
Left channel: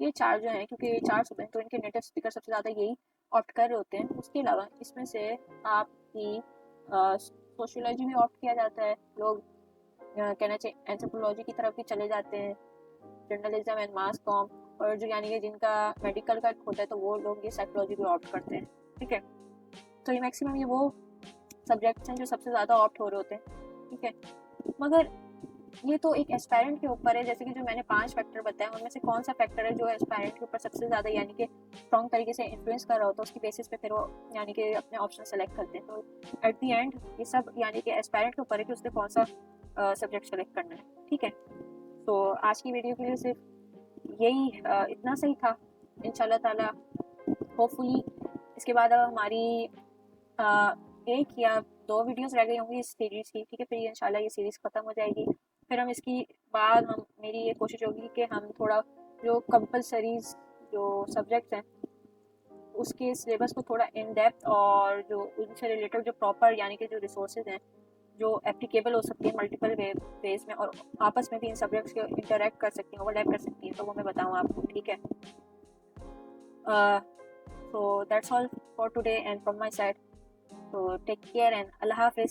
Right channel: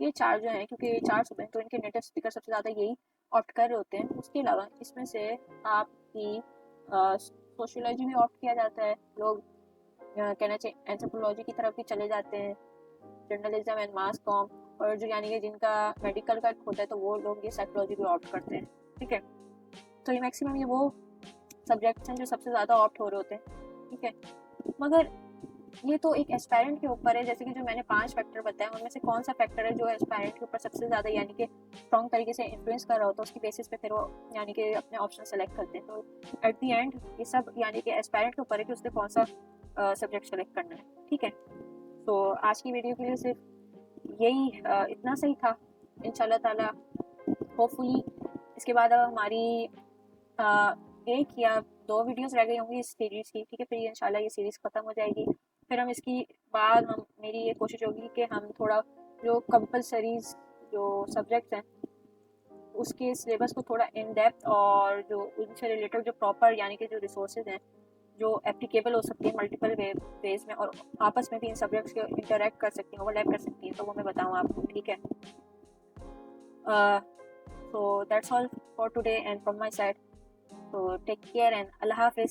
ये 4 जो हैं, क्योंकि ये 4 सब हैं तो इनके नेटिव स्पीकर सबसे ज़्यादा यही ऑप्ट कर रहे होते हैं। उसके अलावा इसमें से आपकी सोशियोलॉजी भी ऑप्ट किया जाता है, लोग कहना चाहिए एंथ्रोपोलॉजी की तरफ भी चले जाते हैं, जर्नलिज्म एंड मास कॉम, और जो यानी कि जिनका मेडिकल का होता है तो वो लोग ये साइकोलॉजी भी ऑप्ट करते हैं, ठीक है। तो ये मैक्सिमम ये वो सब्जेक्ट्स हैं जो सबसे ज़्यादा ऑप्ट हो रहे होते हैं, ठीक है। मगर ये तो एक एस्पायरेंट के ऊपर है, जैसे कि जो मैंने 5 फैक्टर बताए उनमें से कौन सा फैक्टर है जो एस्पायरेंट के ऊपर सबसे ज़्यादा यानी कि स्ट्रॉन्ग तरीके से इन्फ्लुएंस कर रहा होता है, उसकी बेसिस पे फिर वो यानी कि अपने ऑप्शन सेलेक्ट करते हैं। तो एट दी एंड ये सब यानी कि एस्पायरेंट के ऊपर है कि उसने कौन सा सब्जेक्ट सेलेक्ट करना है, ठीक है। तो आज की वीडियो के लिए सिर्फ यही इतना सही था। इंशाल्लाह ताला होपफुली इसके बाद अब हमारी एक या 2 वीडियोस रह गई होंगी इस सीरीज़ की, ठीक है। फिर इंशाल्लाह ये सीरीज़ ख़त्म हो जाएगी। फिर हम इसकी बाद हम मेरी ये कोशिश होगी कि हम थोड़ा जो कंपलसरीज जो सब्जेक्ट्स हैं उसके सिलेबस को थोड़ा इन डेप्थ और जो उनसे रिलेटेड जो प्रॉपर यानी कि जो रिसोर्सेज हैं जो एप्लीकेबल हो सकती है मल्टीपल वेज में, और आपस में भी इन सब्जेक्ट्स को इंटरेक्ट कर सकती हैं, ओवरलैप कर सकती हैं, तो वो मैं बताऊँ आपको, ठीक है। So that's all for today and from my side. So take care and Allah Hafiz.